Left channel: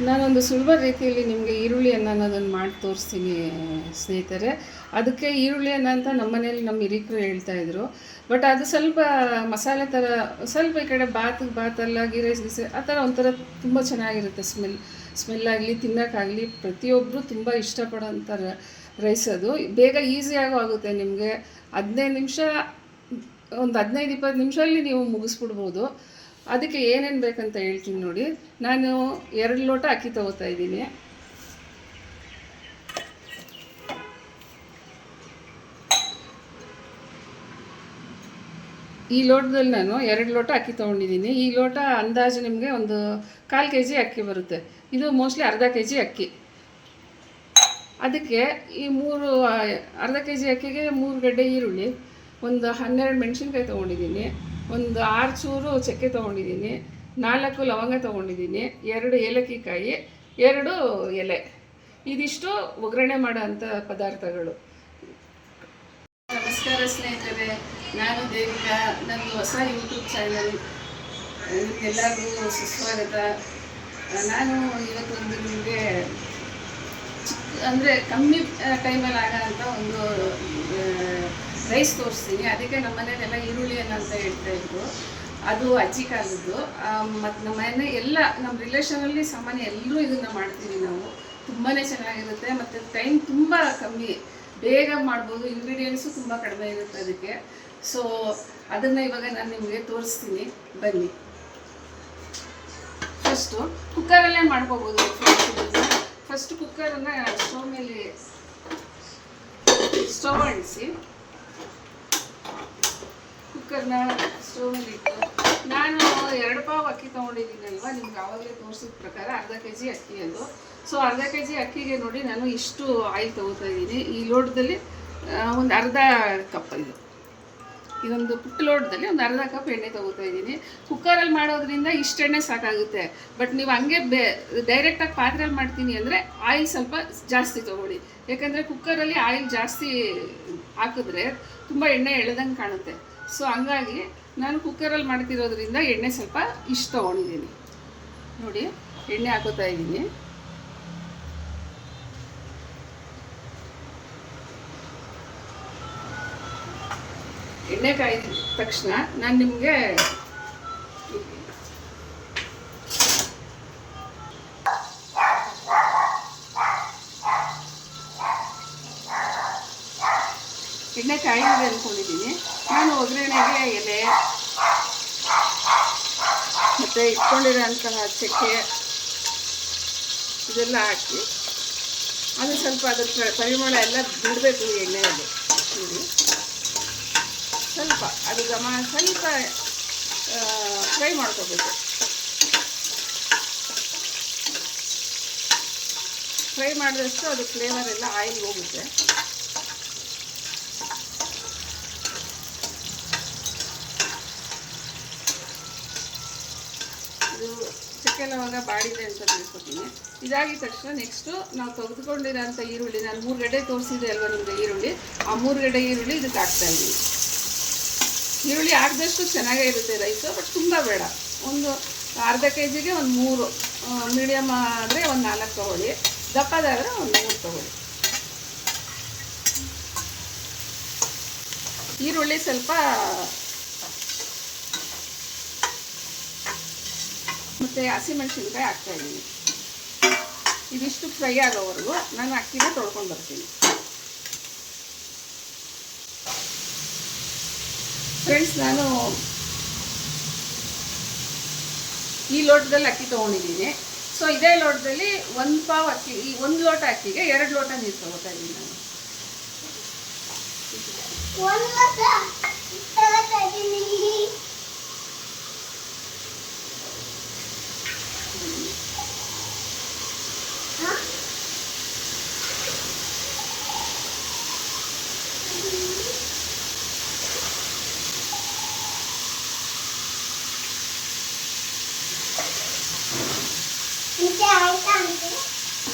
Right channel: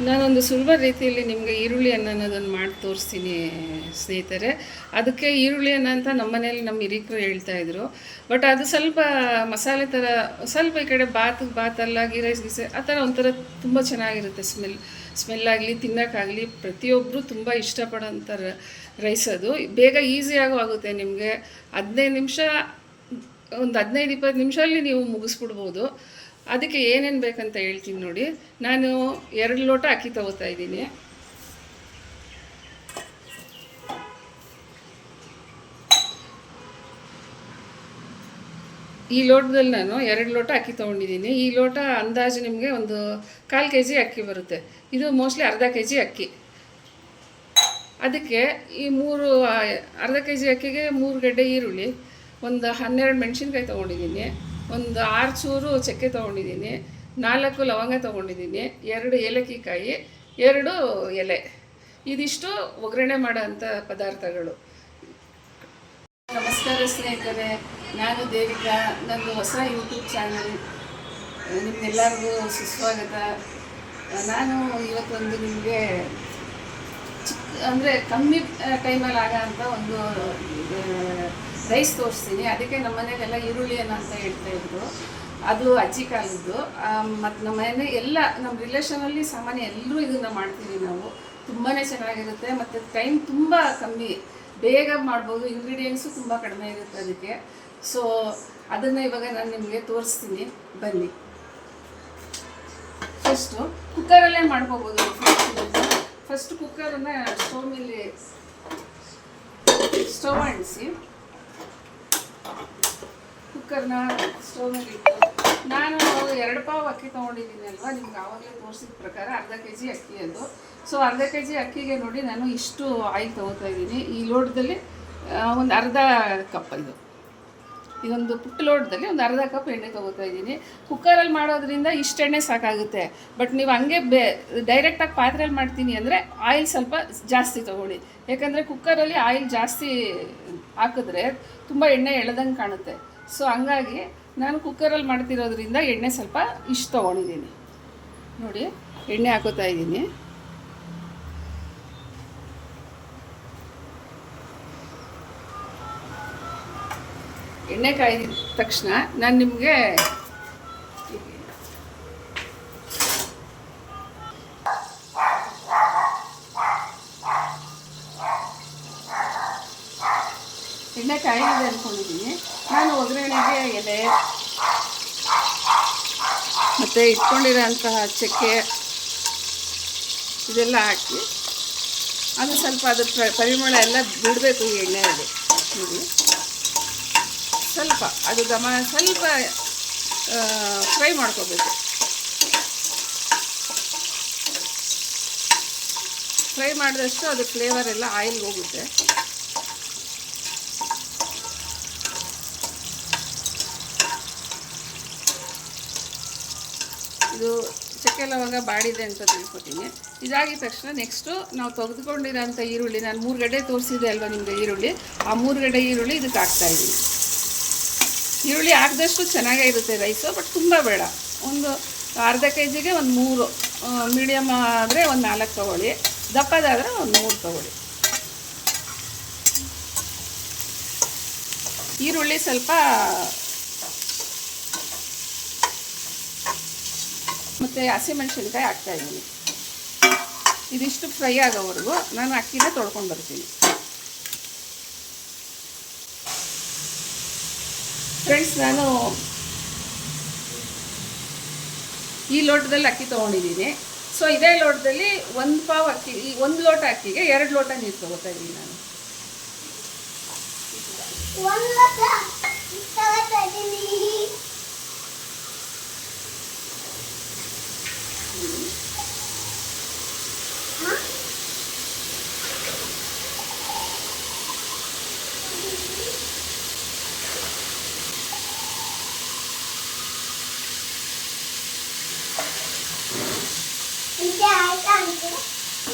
ನಾನೊಂದು ಸುಲಭ ರೀತಿಯಲ್ಲಿ ನಿಮಗೆ ಈರುಳ್ಳಿ ಅನ್ನ ಅನ್ನೋದನ್ನು ಮಾಡಿ ತೋರಿಸ್ತೀನಿ ಸ್ನೇಹಿತರೆ. ಅದಕ್ಕೆ ಈರುಳ್ಳಿ ಅನ್ನ ಅಂತ ನಮ್ಮ ಮನೇಲಿ ನಮ್ಮ ಹಿರಿಕರು ಹೇಳ್ತಾಯಿದ್ರು. ಬಟ್ ಅದು ಸ್ವಲ್ಪ ಮಸಾಲೆ ಥರ, ಸ್ವಲ್ಪ ಈ ಕಡೆ ಬಾತಲ್ಲ ಗೀ ರೈಸ್ ಗೀಸೆ ಆ ಥರ ಒಂಥರ ತುಂಬ ಚೆನ್ನಾಗಿರುತ್ತೆ. ಸ್ಮೆಲ್ಲಾಗಲಿ ತಿನ್ನೋಕ್ಕಾಗಲಿ ಪ್ರತಿಯೊಬ್ಬರು ತುಂಬ ಇಷ್ಟಪಡೋಂಥ ರೈಸ್ ಅದು. ಬೇಗ ಈಸಿಯಾಗೂ ಆಗುತ್ತೆ ನಿಮಗೆ. 15 ನಿಮಿಷ, ಒಂದು 15-20 ನಿಮಿಷದಲ್ಲಿ ನೀವು ಮುಗಿಸ್ಬಿಡ್ಬೋದು. ಅದಕ್ಕೆ ಏನೇನು ಬೇಕಂತ ಹೇಳ್ತೀನಿ ನೋಡಿ. ನಾನು 2 ಲೋಟ ಅಕ್ಕಿ ತೊಗೋತಾ ಇದ್ದೀನಿ. ಈ ಲೋಟದಲ್ಲಿ ನಾನು 2 ಲೋಟ ಅಕ್ಕಿ ತೊಗೊಂಡಿದ್ದೀನಿ. ಈ ಲೋಟ ಅಂದಾಜು ನಿಮಗೆ ಒಂದು 1/4 kg ಅಕ್ಕಿ ಬರುತ್ತೆ. ಇದು ಮೋಸ್ಟ್ಲಿ ಅರ್ಧ kg ಅಕ್ಕಿ. ಅದಕ್ಕೆ ಈ ಅರ್ಧ kg ಅಕ್ಕಿಗೆ 3 ಗಡ್ಡೆ ಈರುಳ್ಳಿ, ಒಂದು 12 ಮೆಣಸಿನ್ಕಾಯಿ ತೊಗೊಂಡಿದ್ದೀನಿ, ಒಂದು 6 ಚೂರು ಚಕ್ಕೆ ತೊಗೊಂಡಿದ್ದೀನಿ, 4 ಲವಂಗ ತೊಗೊಂಡಿದ್ದೀನಿ, 2 ಏಲಕ್ಕಿ ಕಾಯಿ, 2 ಎಲೆ. ಇದಿಷ್ಟು ಒಗ್ಗರಣೆ ಮಾಡೋಂಥ ಪದಾರ್ಥಗಳು. ನಮಸ್ಕಾರ ಸ್ನೇಹಿತರೆ, ನಾನು ದೇವಿಕಾ. ನನ್ನದು ಹೊಸ ಯೂಟ್ಯೂಬ್ ಚಾನಲ್, ನಿಮ್ಗೆಲ್ಲರಿಗೂ ಸುಸ್ವಾಗತ. ನಾನು ಇವತ್ತೊಂದು ನಿಮಗೆ ಅಂದರೆ ಕಮ್ಮಿ ಟೈಮಲ್ಲಿ ಆಗೋಂಥ ಒಂದು ರೈಸ್ ತೋರಿಸ್ತೀನಿ. ಅದಕ್ಕೆ ನಮ್ಮ ಮನೇಲೆಲ್ಲ ಈರುಳ್ಳಿ ಅನ್ನ ಅಂತ ಹೇಳ್ತಾಯಿದ್ರು. ಅದು ಅಜ್ಜಿ ಕಾಲದ್ದು. ಮತ್ತು ನಮ್ಮ ಮನೆ ಎಲ್ಲ ನಮ್ಮ ರಿಲೇಷನಲ್ಲಿ ಸಾಮಾನ್ಯ ಎಲ್ಲರೂ ಇದನ್ನು ಮಾಡ್ತೀವಿ ನಾವು. ತುಂಬಾ ಚೆನ್ನಾಗಿರುತ್ತೆ ಮತ್ತು ಟೈಮ್ ತುಂಬ ಕಮ್ಮಿ, ಬೇಗ ಮಾಡ್ಬೋದು. ಇಂಗ್ರೀಡಿಯೆಂಟ್ಸು ತುಂಬ ಕಡಿಮೆ ಇರುತ್ತೆ ಅದಕ್ಕೆ. ಸೊ ಅದನ್ನು ಇವಾಗ ನಾನು ನಿಮಗೆ ತೋರಿಸ್ತೀನಿ, ಬನ್ನಿ. ಫಸ್ಟು ಕುಕ್ಕರಲ್ಲೇ ಮಾಡ್ಕೋಬೋದು. ಫಸ್ಟ್ ಕುಕ್ಕರನ್ನು ಸ್ಟವ್ ಅಂಟಿಸಿ ಕುಕ್ಕರ್ನ ಸ್ಟವ್ ಮೇಲೆ ಇಟ್ಟು, ನಾನು 2 ಪಾವು ಅಕ್ಕಿ ತೊಗೊಂಡಿದ್ದೀನಿ ಅಲ್ವಾ, ನಿಮ್ಗೆ ಆವಾಗಲೇ ತೋರಿಸಿದ ಪ್ರಕಾರ ಅರ್ಧ kg ಅಕ್ಕಿ ಅದು. ಸೊ ಅರ್ಧ kg ಅಕ್ಕಿಗೆ ನೋಡಿ ನಾನು ಇಷ್ಟು ಆಯಿಲ್ ತೊಗೋತಾ ಇದ್ದೀನಿ. ಈ ಲೋಟದಲ್ಲಿ ಒಂದು ಅರ್ಧ ಕಪ್, ಇದೊಂದು ಪುಟ್ಟ ಲೋಟದಲ್ಲಿ ಒಂದು ಅರ್ಧ ಕಪ್ ಎಣ್ಣೆ ತೊಗೋತಾ ಇದ್ದೀನಿ. ಕುಕ್ಕರಲ್ಲಿ ಮಾಡೋದ್ರಿಂದ ಇಷ್ಟು ಎಣ್ಣೆ ಸಾಕಾಗುತ್ತೆ. ಬಟ್ ನೀವು ಹಂಗೆ ಡೈರೆಕ್ಟಾಗಿ ಪಾತ್ರೆಯಲ್ಲಿ ಮಾಡ್ತೀನಿ ಅಂದರೆ ಆಯಿಲ್ ಸ್ವಲ್ಪ ಜಾಸ್ತಿ ತೊಗೊಳ್ಳಿ. ಯಾಕಂದರೆ ಕುಕ್ಕರಲ್ಲಿ ಆಯಿಲ್ ಜಾಸ್ತಿ ಹಾಕಿದ್ರೆ ತುಂಬ ಎಣ್ಣೆ ಎಳೆದಂಗೆ ಕಾಣುತ್ತೆ. ಸೊ ಹಂಗಾಗಿ ನಾನು ಕುಕ್ಕರಲ್ಲಿ ಮಾಡ್ತಿರೋದ್ರಿಂದ ಎಣ್ಣೆ ಸ್ವಲ್ಪ ಇಷ್ಟು ತೊಗೊಂಡಿದ್ದೀನಿ. ನೋಡಿ, ಎಣ್ಣೆ ಹಾಕೋತಾ ಇದ್ದೀನಿ. ಎಣ್ಣೆ ಕಾಯ್ದ ತಕ್ಷಣ ನಾನು ನಿಮಗೆ ಎಣ್ಣೆ ಕಾಯಿದೆ ಅಂದ್ಕೊಂಡಿದ್ದೀನಿ. ನಾನು ಒಗ್ಗರಣೆಗೆ ಎಲೆ ಮತ್ತು ಇಟ್ಕೊಂಡಿರೋಂತಹ ಚಕ್ಕೆ ಇದೆಲ್ಲ ಹಾಕಿ ಅದು ಸ್ವಲ್ಪ ಅದ್ರ ಪರಿಮಳ ಎಲ್ಲ ಬಿಡಬೇಕು ಎಣ್ಣೆಯಲ್ಲಿ. ನೋಡಿ, ಸ್ವಲ್ಪ ಅದು ಸ್ವಲ್ಪ ಫ್ರೈ ಮಾಡ್ಕೋಬೇಕು. ಫ್ರೈ ಮಾಡಿದಷ್ಟು ಅದು ಫ್ಲೇವರ್ ಎಲ್ಲ ಆಯಿಲ್ ಹೋಗುತ್ತೆ. ಇದು ಚಕ್ಕೆ ಲವಂಗ ಬಾಡಿದೆ ಅಂತ ತಿಳ್ಕೊತೀನಿ. ಇದಾಗಿದ ತಕ್ಷಣ ನೆಕ್ಸ್ಟು ನಾವು ತೆಗೆದುಕೊಂಡಿರೋಂಥ ಈರುಳ್ಳಿ, ನಾನು 3 ಗಡ್ಡೆ ತೋರಿಸಿದೆ ಅಲ್ವಾ ನಿಮಗೆ ಈರುಳ್ಳಿ, ಆ 3 ಗಡ್ಡೆ ಈರುಳ್ಳಿ ಇದಕ್ಕೆ ಹಾಕ್ತಾಯಿದ್ದೀನಿ. ಈರುಳ್ಳಿ ಹಾಕಿದಷ್ಟು ಚೆನ್ನಾಗೇ ಇರುತ್ತೆ ರೈಸು, ಬಟ್ ತುಂಬ ಬೇಡ. ಒಂದು ಅರ್ಧ kgಗೆ ಒಂದು 3, ಮೀಡಿಯಮ್ ಆದರೆ ಒಂದು 4 ತೊಗೊಳ್ಳಿ, ದಪ್ಪದಾದರೆ ಒಂದು 3 ತೊಗೊಳ್ಳಿ. ಈರುಳ್ಳಿ ಸ್ವಲ್ಪ ಮತ್ತು ಹಸಿಮೆಣಸಿನ್ಕಾಯಿ ಹಾಕ್ತಾಯಿದ್ದೀನಿ. ಇದಿಷ್ಟು ಫ್ರೈ ಆಗೋವರೆಗೂ ನಾನು ಅಕ್ಕಿನ ತೊಳ್ಕೊಂಡು ಬರ್ತೀನಿ. ಫ್ರೆಂಡ್ಸ್, ನಾನು ಈ ಲೋಟದಲ್ಲಿ ಅಕ್ಕಿ ತೊಗೊಂಡಿದ್ದೀನಿ. ಸೊ ಇದೇ ಲೋಟದಲ್ಲಿ 1 ಪಾವು ಅಕ್ಕಿ, ಈ 1 ಲೋಟ ಅಕ್ಕಿಗೆ 2 ಲೋಟ ನೀರು ತೊಗೋತಾ ಇದ್ದೀನಿ ನಾನು.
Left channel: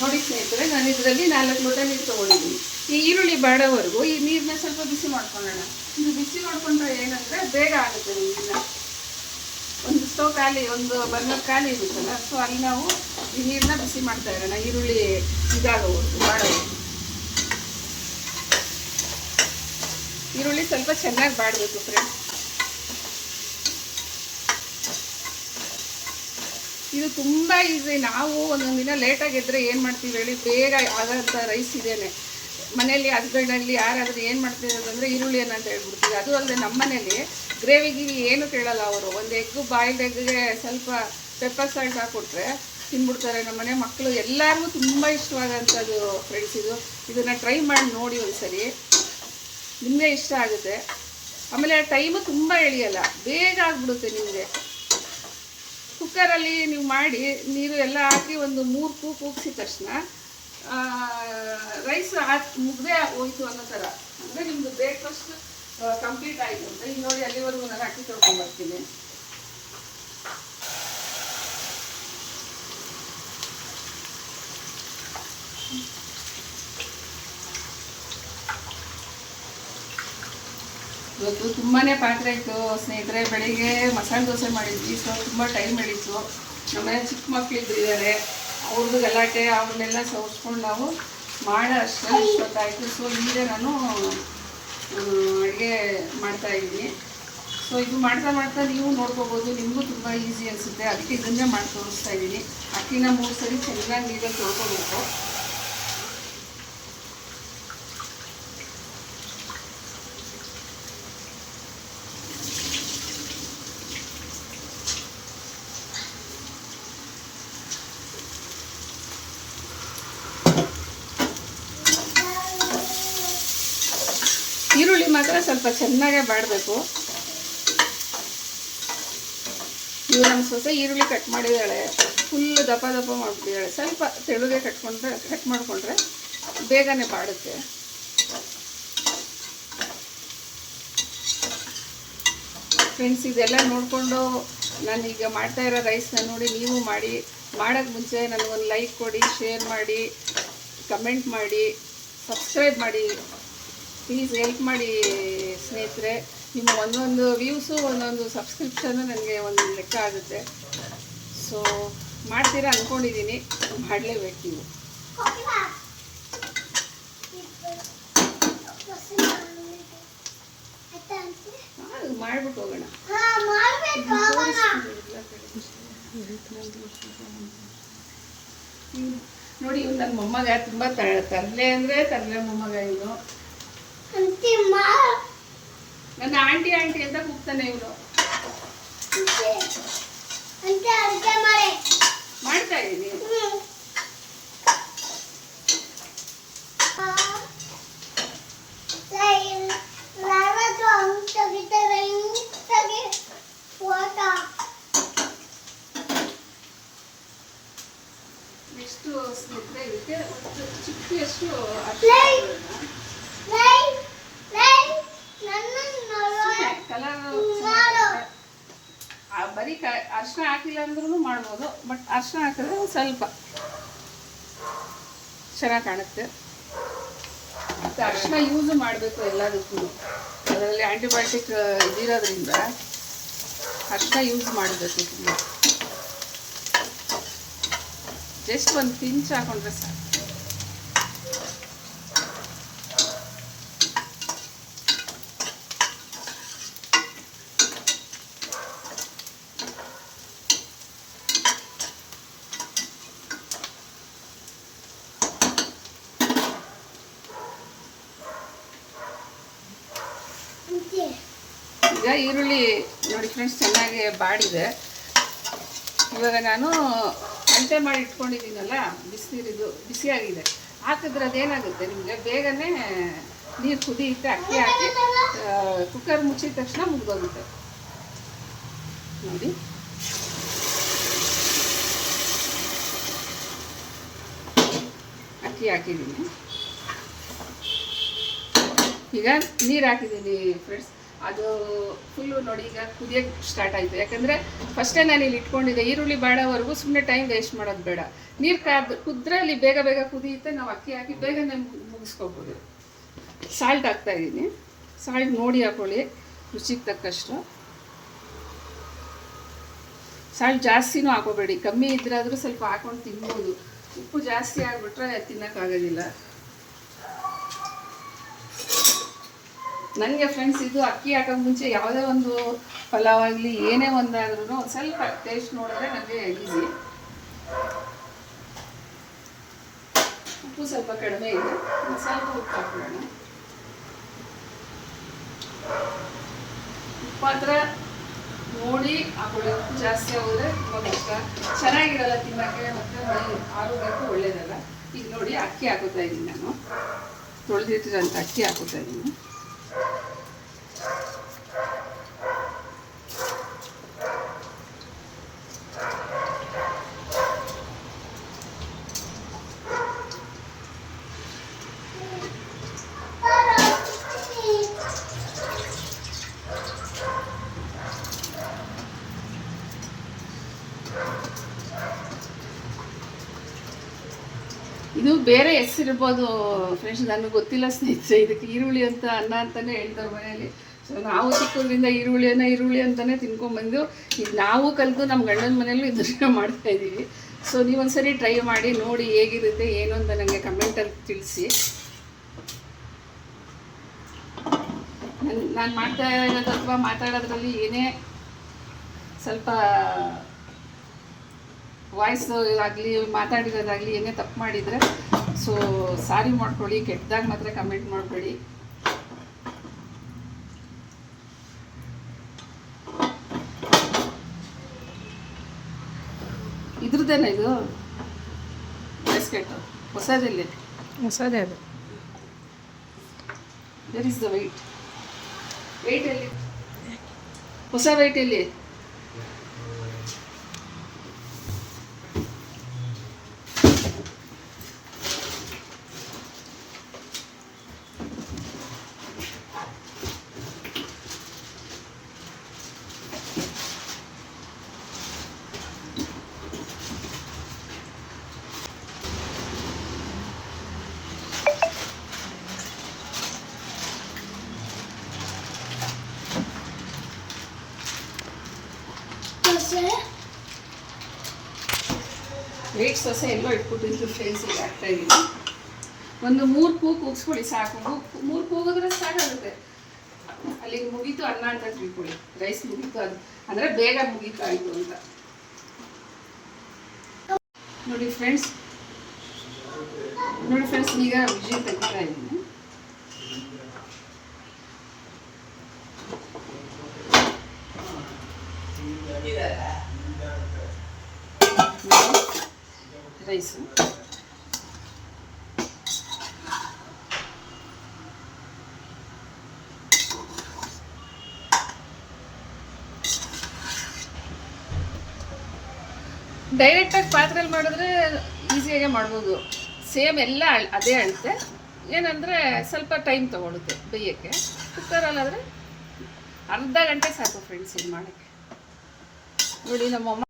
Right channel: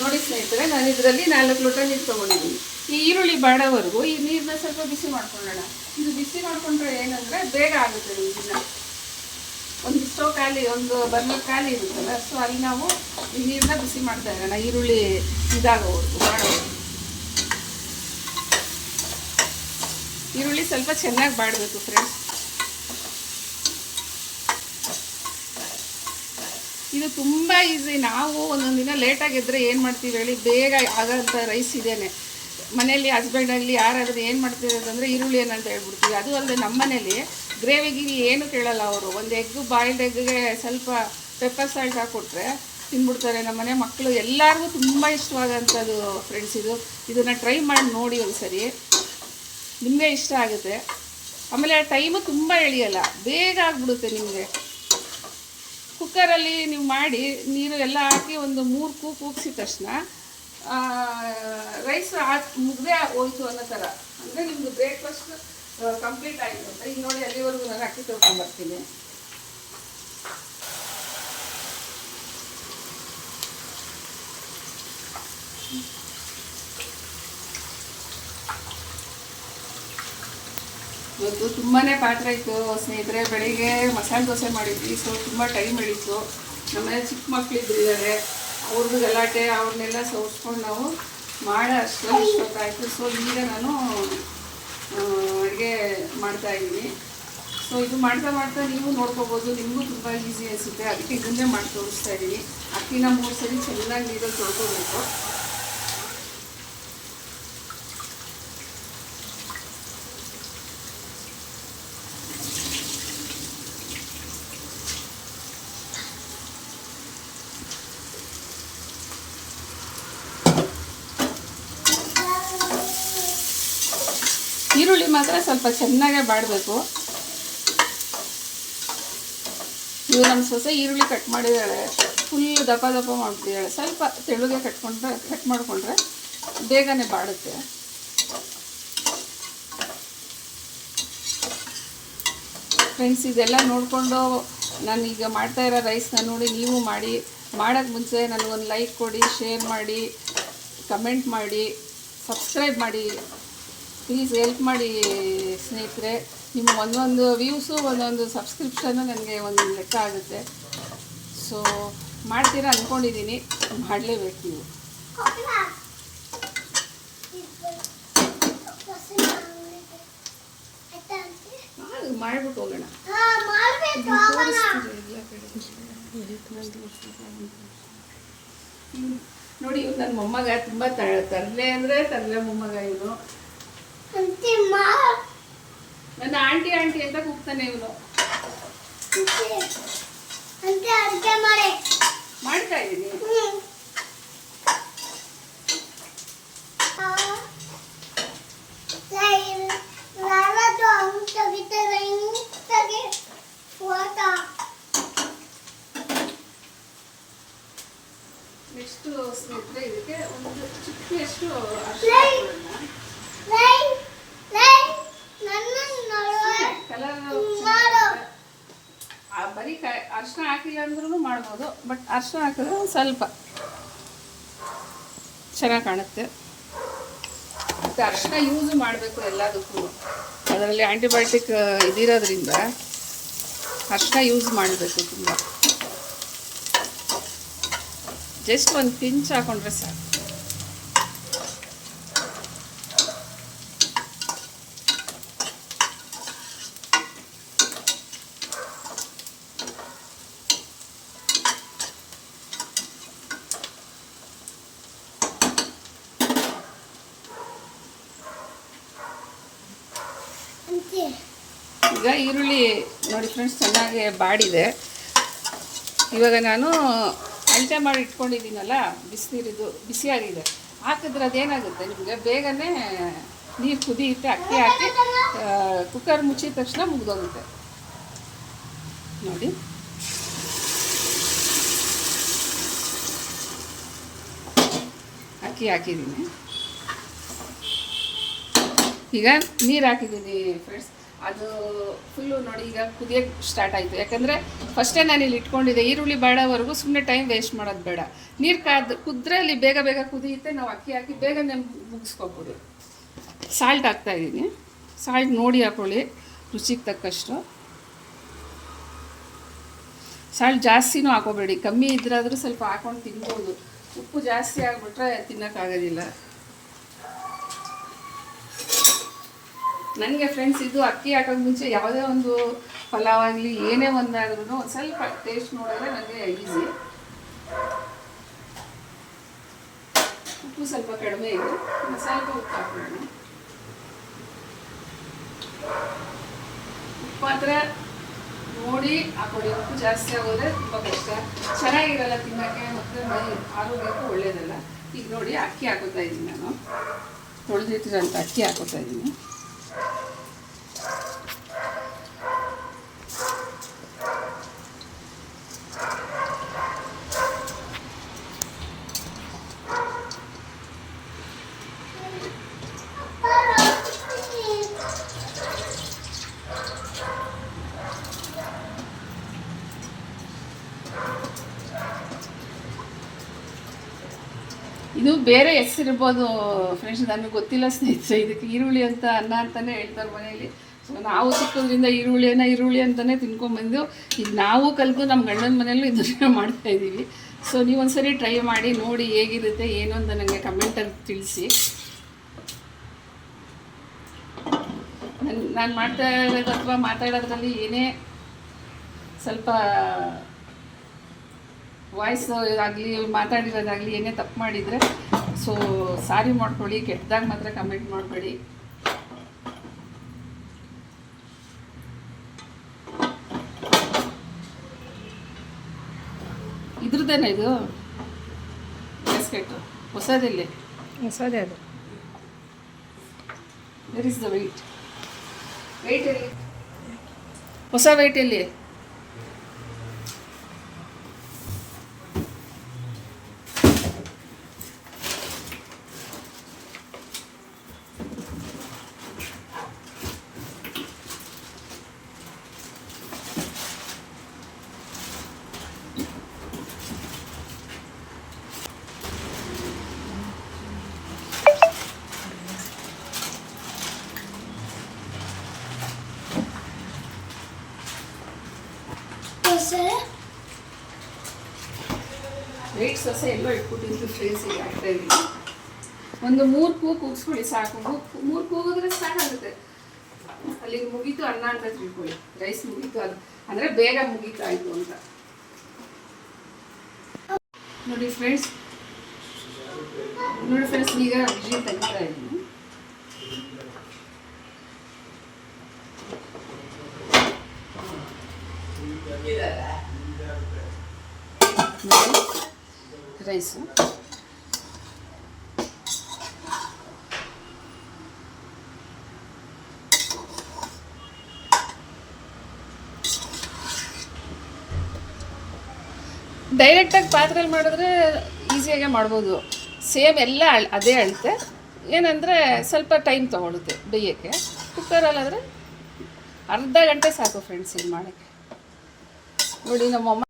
ನೋಡಿ ಸ್ನೇಹಿತರೆ, ನಾನು ಇದರಲ್ಲಿ 4 ಲೋಟ ನೀರು ತೊಗೊಂಡಿದ್ದೀನಿ. ಈ ಈರುಳ್ಳಿ ಬಾಡೋವರೆಗೂ ಈ ನೀರನ್ನ ಸ್ವಲ್ಪ ಬಿಸಿ ಮಾಡ್ಕೊಳ್ಳೋಣ. ಇದು ಬಿಸಿ ಮಾಡ್ಕೊಂಡ್ರೆ ಏನಂದರೆ ಬೇಗ ಆಗುತ್ತೆ ನಿಮ್ಮನ್ನ. ಒಂದು ಸ್ಟವ್ ಖಾಲಿ, ಒಂದು ಬರ್ನರ್ ಖಾಲಿ ಇರುತ್ತಲ್ಲ, ಸೊ ಅಲ್ಲಿ ನಾವು ಈ ನೀರನ್ನ ಬಿಸಿ ಮಾಡ್ತಾ ಇರೋಣ, ಈರುಳ್ಳಿ ಮಾಡೋದು. ಈರುಳ್ಳಿ ಸ್ವಲ್ಪ ಚೆನ್ನಾಗಿ ಬಾಡಬೇಕು ಫ್ರೆಂಡ್ಸ್. ಇದು ತುಂಬ ಈಸಿ. ನಾವು ಒಂದೊಂದು ದಿನ ಲೇಟಾಗಿದ್ದರೆ ಏನು ಮಾಡ್ತೀವಿ ಹೇಳಿ, ಬೇಗ ಆಗೋಂಥ ರೈಸ್ ಇದೇನೆ. ಮನೇಲಿ ಹಸ್ಬೆಂಡಲ್ಲಿ ಯಾರಾದರೂ ಏನು ಮಾಡ್ತಿರೋದು ಅಂದರೆ ಈರುಳ್ಳಿ ಅಂತ ಹೇಳ್ಬಿಡ್ತೀವಿ. ಅದು ಅಲ್ಲದೆ ನಮ್ಮ ಮನೇಲಿ ಗ್ರೇವಿಗೆ ಏನು ಕೇಳಲ್ಲ ಅವರು. ಒಂದು ಬಾಯ್ಲ್ಡ್ ಎಗ್ಗೆ ಸ್ವಲ್ಪ ಪೆಪ್ಪರ್ ಸಾಲ್ಟ್ ಹಾಕ್ಕೊಟ್ರೆ ತಿಂದ್ಬಿಡ್ತಾರೆ. ನಮ್ಮ ಮನೆ ಮಕ್ಕಳು ಎಲ್ಲರಿಗೂ ತುಂಬ ಇಷ್ಟವಾದಂಥದ್ದು ಫ್ರೆಂಡ್ಸ್ ಇದು. ಇದನ್ನು ಟ್ರೈ ಮಾಡಿ ನೋಡಿ ಒಂದ್ಸರಿ, ನಿಮಗೆ ಇಷ್ಟ ಆಗುತ್ತೆ. ಆಮೇಲೆ ಆ ಟೈಮು ತುಂಬ ಎಳೆಯಲ್ಲ, ಬೇಗ ಆಗಿಬಿಡುತ್ತೆ ನಿಮಗೆ. ಕುಕ್ಕರಲ್ಲಿ ನೀವು ಮಾಡಿ ನೀರು ಎಲ್ಲ ಹಾಕಿ ಒಂದು 3 ಕೂಗಿಸಿದ ತಕ್ಷಣ ರೈಸ್ ಮುಗ್ದೇ ಹೋಯ್ತು ಅನ್ನೋ ಥರ. ಅಂದರೆ ನಿಮ್ಮದು ಬ್ರೇಕ್ಫಾಸ್ಟ್ ಕಂಪ್ಲೀಟ್ ಆಯಿತು ಅಂತ. ಈಗ ನೋಡಿ ಅಲ್ಲಿವರೆಗೂ ನಾನು ಅಕ್ಕಿ ತೊಳ್ಕೊಂಡ್ಬರ್ತೀನಿ. ಇವತ್ತು ತುಂಬಾ ಪಾತ್ರೆ ಇತ್ತು ಸ್ನೇಹಿತರೆ. ಬೆಳಿಗ್ಗೆ ಮಸಾಲೆ ದೋಸೆ ಮಾಡಿದ್ವಿ, ಸೊ ತುಂಬ ಟೈಮ್ ಹಿಡಿತು. ನಮ್ಮನೆ ಚಿಕ್ಕ ಮಕ್ಕಳಿದ್ದಾರೆ, ಅವ್ರದ್ದು ಗಲಾಟೆ, ಅವ್ರನ್ನೆಲ್ಲ ಸೋಸ್ಕೊಂಡು ನಾವು ಮಾಡೋ ಅಷ್ಟರಲ್ಲಿ ಇಷ್ಟೊತ್ತಾಯಿತು. ಸೊ ಈಗ ನಾನು ಅಡುಗೆ ಮಾಡ್ತಾಯಿದ್ದೀನಿ. ಸೊ ಇದು ಮಾಡ್ತಾ ಮಾಡ್ತಾ ನೀವು ನೋಡ್ಕೋಬೋದು, ನಿಮಗೂ ತುಂಬ ಈಸಿ ಅನಿಸುತ್ತೆ. ಅದಕ್ಕೆ ಇದನ್ನೇ ಮಾಡಿ ತೋರಿಸ್ತಾ ಇದ್ದೀನಿ. ಅಕ್ಕಿನ 3 ಸರಿ ಚೆನ್ನಾಗಿ ನೀರಲ್ಲಿ ತೊಳ್ಕೊಬೇಕು. ಈರುಳ್ಳಿ ಮಾತ್ರ ಸ್ವಲ್ಪ ಚೆನ್ನಾಗೇ ಬಾಡಬೇಕು. ಇವು ನಮ್ಮ ಸೊಸೆ ಈರುಳ್ಳಿ ಕಟ್ ಮಾಡಿದ್ದಾಳೆ, ಫುಲ್ ದಪ್ಪ ಮಾಡಿಬಿಟ್ಟಿದ್ದಾಳೆ. ಸ್ವಲ್ಪ ತೆಳುಗೆ ಕಟ್ ಮಾಡಿಕೊಂಡ್ರೆ ಬೇಗನೆ ಬಾಡುತ್ತೆ. ಫ್ರೆಂಡ್ಸ್, ಇದೆಲ್ಲ ನೋಡಿಕೊಂಡು ನಾನೀಗ ಮಾಡ್ತಾಯಿರೋ ರೈಸ್ನ ನೋಡಿ ನೀವು ಮಾಡಿ. ಮಾಡೋಕ್ಕೆ ಮುಂಚೆ ನನಗೊಂದು ಲೈಕ್ ಕೊಡಿ, ಶೇರ್ ಮಾಡಿ, ಕಮೆಂಟ್ ಮಾಡಿ, ಸಬ್ಸ್ಕ್ರೈಬ್ ಮಾಡಿ. ಪ್ಲೀಸ್ ಹೆಲ್ಪ್ ಮಾಡಿ ಸ್ನೇಹಿತರೆ. ನಿಮ್ಮ ಒಂದೊಂದು ವ್ಯೂಸು, ಒಂದೊಂದು ಸಬ್ಸ್ಕ್ರಿಪ್ಷನ್ನು ನನಗೆ ಒಂದು ಲೆಕ್ಕ ಆಗುತ್ತೆ. ಸೊ ಮಾಡ್ತೀರಾ ಅಂದ್ಕೊಂಡಿದ್ದೀನಿ, ಮಾಡಲೇಬೇಕು ನೀವು. ಮಾಡ್ಬಿಟ್ಟು ಹೋಗೋಣ. ನೋಡಿ, ಇವ್ನು ನನ್ನ ಮೊಮ್ಮಗ, ತುಂಬ ತರಲೆ ಅಂದರೆ ತರಲೆ ಮೊಮ್ಮಗ. ಇವನು ನನ್ನ ಆಂಟಿ ಅಂತ ಕೂಗ್ತಾನೆ. ಇವನು ಮಾಡ್ತಾ ಇದ್ದೀನಿ. ನೆಕ್ಸ್ಟು ಸ್ನೇಹಿತರೆ, ಇದಕ್ಕೆ ಒಂದು ಚಿಕ್ಕಷ್ಟು ಬರೀ ಅರಿಶಿನ ಹಾಕಿಲ್ಲ ಅಂದ್ರೂ ಮಾಡ್ಬೋದು, ಬಟ್ ಅರಿಶಿನ ಹಾಕಿದ್ರೆ ಸ್ವಲ್ಪ ಚೆನ್ನಾಗಿ ಕಾಣುತ್ತೆ. ಮತ್ತು ಅರಿಶಿನ ಯೂಸ್ ಮಾಡಬೇಕು ಎಲ್ಲದಕ್ಕೂ. ಅದರಲ್ಲಿ ಆ್ಯಂಟಿಬಯೋಟಿಕ್ ಇದಿರೋದ್ರಿಂದ ಅರಿಶಿನ ಯೂಸ್ ಮಾಡಬೇಕು ತುಂಬ. ಜಸ್ಟ್ ಒಂದು ಪಿಂಚ್ ಹಾಕೊಂಡ್ರೆ ಸಾಕು. ಈಗ ಈರುಳ್ಳಿ ನೋಡಿ ಫ್ರೆಂಡ್ಸ್, ಚೆನ್ನಾಗಿ ಬಾಡಿದೆ. ಇವಾಗ ನಾನು ಅಂಟೆ ಮಾಡಿ ಇಟ್ಕೊಂಡಿದ್ದೀನಲ್ಲ, ಬಿಸಿನೀರಿದು ಬಿಸಿಯಾಗಿದೆ, ಹಾಕಿದ್ರೆ ಅದೇನಾಗುತ್ತೆ ನಿಮಗೆ ಬೇಗನೆ ನೀರು ಕುದಿಯುತ್ತೆ. ಅಕ್ಕಿ ಹಾಕಿ ಕುಕ್ಕರ್ ಮುಚ್ಚಿದ ತಕ್ಷಣ ಮುಗಿದೋಗುತ್ತೆ. ನೋಡಿ, ಅಕ್ಕಿ ಹಾಕಿದ್ದೀನಿ. ಈಗ ನೀರು ಹಾಕಿದ್ದೀನಿ ಫ್ರೆಂಡ್ಸ್. ಅದು ಫುಲ್ಲು ನೋಡಿ ಈಗ ಕುದಿಯೋಕ್ಕೆ ಸ್ಟಾರ್ಟ್ ಆಯಿತು. ಯಾಕಂದರೆ ಫಸ್ಟೇ ನಾನು ಇಲ್ಲಿ ಇಟ್ಕೊಂಡಿದ್ದೆ, ಈರುಳ್ಳಿ ಬಾಡೋವರೆಗೂ ಸುಮ್ಮನೆ ಟೈಮ್ ವೇಸ್ಟ್ ಮಾಡೋದು ಬೇಡ. ನೀರು ಕುದ್ರೆ ಅಲ್ಲಿ ಬೇಗ ಬೇಗ ಕುದಿಯುತ್ತೆ. ನಾವು ಅಕ್ಕಿ ಹಾಕಿ ಬೇಗನೆ ಮುಗಿಸ್ಕೋಬೋದು. ಸಾಲ್ಟ್ ಹಾಕ್ತಾಯಿದ್ದೀನಿ. ಸಾಲ್ಟ್ ನೋಡಿ ಹಾಕ್ಕೊಳ್ಳಿ, ರುಚಿಗೆ ತಕ್ಕಷ್ಟು. ಸಾಲ್ಟ್ ಜಾಸ್ತಿನೂ ಹಾಕೋಬೇಡಿ, ಕಮ್ಮಿ ಇದ್ರಾದರೂ ಸ್ವಲ್ಪ ಹಾಕೊಂಡು ತಿನ್ಬೋದು. ಉಪ್ಪು ಜಾಸ್ತಿ ಆಗಿಬಿಟ್ರೆ ತಿನ್ನೋಕ್ಕಾಗೋದಿಲ್ಲ. ನನಗೆ ಫ್ರೆಂಡ್ಸ್ ಇದು ಅಕ್ಕಿ ಹಾಕೋಕ್ಕೆ ಮುಂಚೆ ಯಾವುದೇ ಒಂದು ಪಲಾವ್ ಆಗಲಿ ಏನೇ ಒಂದಾದ್ರೂ ಒಂದು ಸ್ವಲ್ಪ ಟೇಸ್ಟ್ ನೋಡಿದ್ರೆ ನನಗೆ ಈಸಿ. ಉಪ್ಪು ಸ್ವಲ್ಪ ಕಡಿಮೆ ಇದೆ, ಸ್ವಲ್ಪ ಉಪ್ಪು ಹಾಕೋಣ. ಉಪ್ಪು ಮಾತ್ರ ನೋಡಿ ಹಾಕೊಳ್ಳಿ, ಉಪ್ಪು ಜಾಸ್ತಿ ಆಗೋದ್ರೆ ತುಂಬ ಕಷ್ಟ, ಚೆನ್ನಾಗಿರಲ್ಲ ತಿನ್ನೋಕ್ಕೆ, ಮತ್ತು ಮೈ ಆರೋಗ್ಯಕ್ಕೆ ಒಳ್ಳೇದಲ್ಲ. ಈಗ ನೋಡಿ ಅಕ್ಕಿ ಹಾಕೋತಾ ಇದ್ದೀನಿ, ನಾನು ತೊಳೆದಿಟ್ಟಿರೋಂಥ ಅಕ್ಕಿ ಹಾಕೋತಾ ಇದ್ದೀನಿ. ಇದು ಬೇರೆ ಹೆಸರಿರ್ಬೋದು ಫ್ರೆಂಡ್ಸ್, ನನಗೆ ಗೊತ್ತಿಲ್ಲ ಸ್ನೇಹಿತರೆ. ಇದಕ್ಕೆ ಈರುಳ್ಳಿ ಅಂತ ಅನ್ನ ಅಂತಲೇ ಹೇಳ್ತಾರೆ ಮನೆಯಲ್ಲಿ. ಸೊ ನಾವು ಚಿಕ್ಕದ್ರಿಂದ ಈರುಳ್ಳಿ ಅಂತಲೇ ತಿನ್ಕೊಂಡ್ಬಂದು ಈಗ ನಾವು ಕಲಿತು ನಮ್ಮ ಗಂಡನ ಮನೆಯಲ್ಲೂ ಇದನ್ನು ಮಾಡ್ತಾಯಿದ್ದೀವಿ. ಸೊ ನೀವೊಂದ್ಸರಿ ಟ್ರೈ ಮಾಡಿ ನೋಡಿ ಹೇಗಿರುತ್ತೆ ಏನು ಅಂತ ನನಗೆ ಕಮೆಂಟಲ್ಲಿ ತಿಳಿಸಿ. ನಾನು ಮಾಡ್ತಾ ಇರೋದು ಅಥವಾ ಮಾತಾಡೋದ್ರಲ್ಲಿ ಏನೇ ಸ್ವಲ್ಪ ವಾಯ್ಸ್ ಆಗಲಿ ಮಾತಾಡಿರೋದಾಗಲಿ ಏನೇ ತಪ್ಪು ಮಾಡಿದರೆ ಸೊ ಸಾರಿ ಮಾಡ್ಕೊಳ್ಳಿ. ಕೆಟ್ಟದಾಗ ಮಾತ್ರ ಕಮೆಂಟ್ ಮಾಡಬೇಡಿ. ಇದ್ರದ್ದೇನೆ ಇದು ಬಿಸ್ಕೆಟ್ ಹೊಸದಿಲ್ಲ, ಹೊಸದೇ ಅದು. ವೆರ್ ಇಸ್ ದ ವೆಯ್ಟ್ ಎಲ್ಲಿ ಹೊಸ ವೆಯ್ಟ್ ಎಲ್ಲಿ? ವೆಯ್ಟ್ ಸೊಸೆ ಎಲ್ಲೋ ಇಟ್ಬಿಟ್ಟಿದ್ದು ಫ್ರೆಂಡ್ಸ್, ಈಗ ಆಗ್ತಾಯಿದ್ದೀನಿ. ಒಂದು 3 ಕೂಗು ಕೂಗಿಸ್ಕೊಳ್ಳಿ ಸಾಕು. 3 ಕೂಗಿದ್ರೆ ಸಾಕಾಗುತ್ತೆ. ಅಲ್ಲಿಗೆ ಮುಗೀತು ಅನ್ನ ಅಂತ ತಿಳ್ಕೊಳ್ಳಿ. ರೈಸ್ ಮುಗೀತು, ಅದು ಅಂದರೆ ಬೇಗ ಮುಗೀತಾಯಿತು ಅಂತ ನೋಡಿ ಫ್ರೆಂಡ್ಸ್. ಈಗ ವಿಜಿಲ್ ತೆಗಿತಾ ಇದ್ದೀನಿ. ರೈಸು ಡೈರೆಕ್ಟಾಗಿ ಪಾತ್ರೆಯಲ್ಲಿ ಮಾಡಿದ್ರೆ ಈಸಿಯಾಗೆ ಮಾಡ್ಬೋದು. ಸೇಮ್ ಎಲ್ಲ ಅದೇ ಅಳತೆ, ಏನಂದರೆ ಸ್ವಲ್ಪ ಟೈಮ್ ತೊಗೊಳುತ್ತೆ ಬೇಯೋಕ್ಕೆ. ಕುಕ್ಕರಲ್ಲಾದರೆ ಅರ್ಧ ಗಂಟೆ ಸಾಕು ಫ್ರೆಂಡ್ಸ್ ಇದು ಮಾಡೋಕ್ಕೆ. ನೋಡಿ ನಮ್ಮಮ್ಮ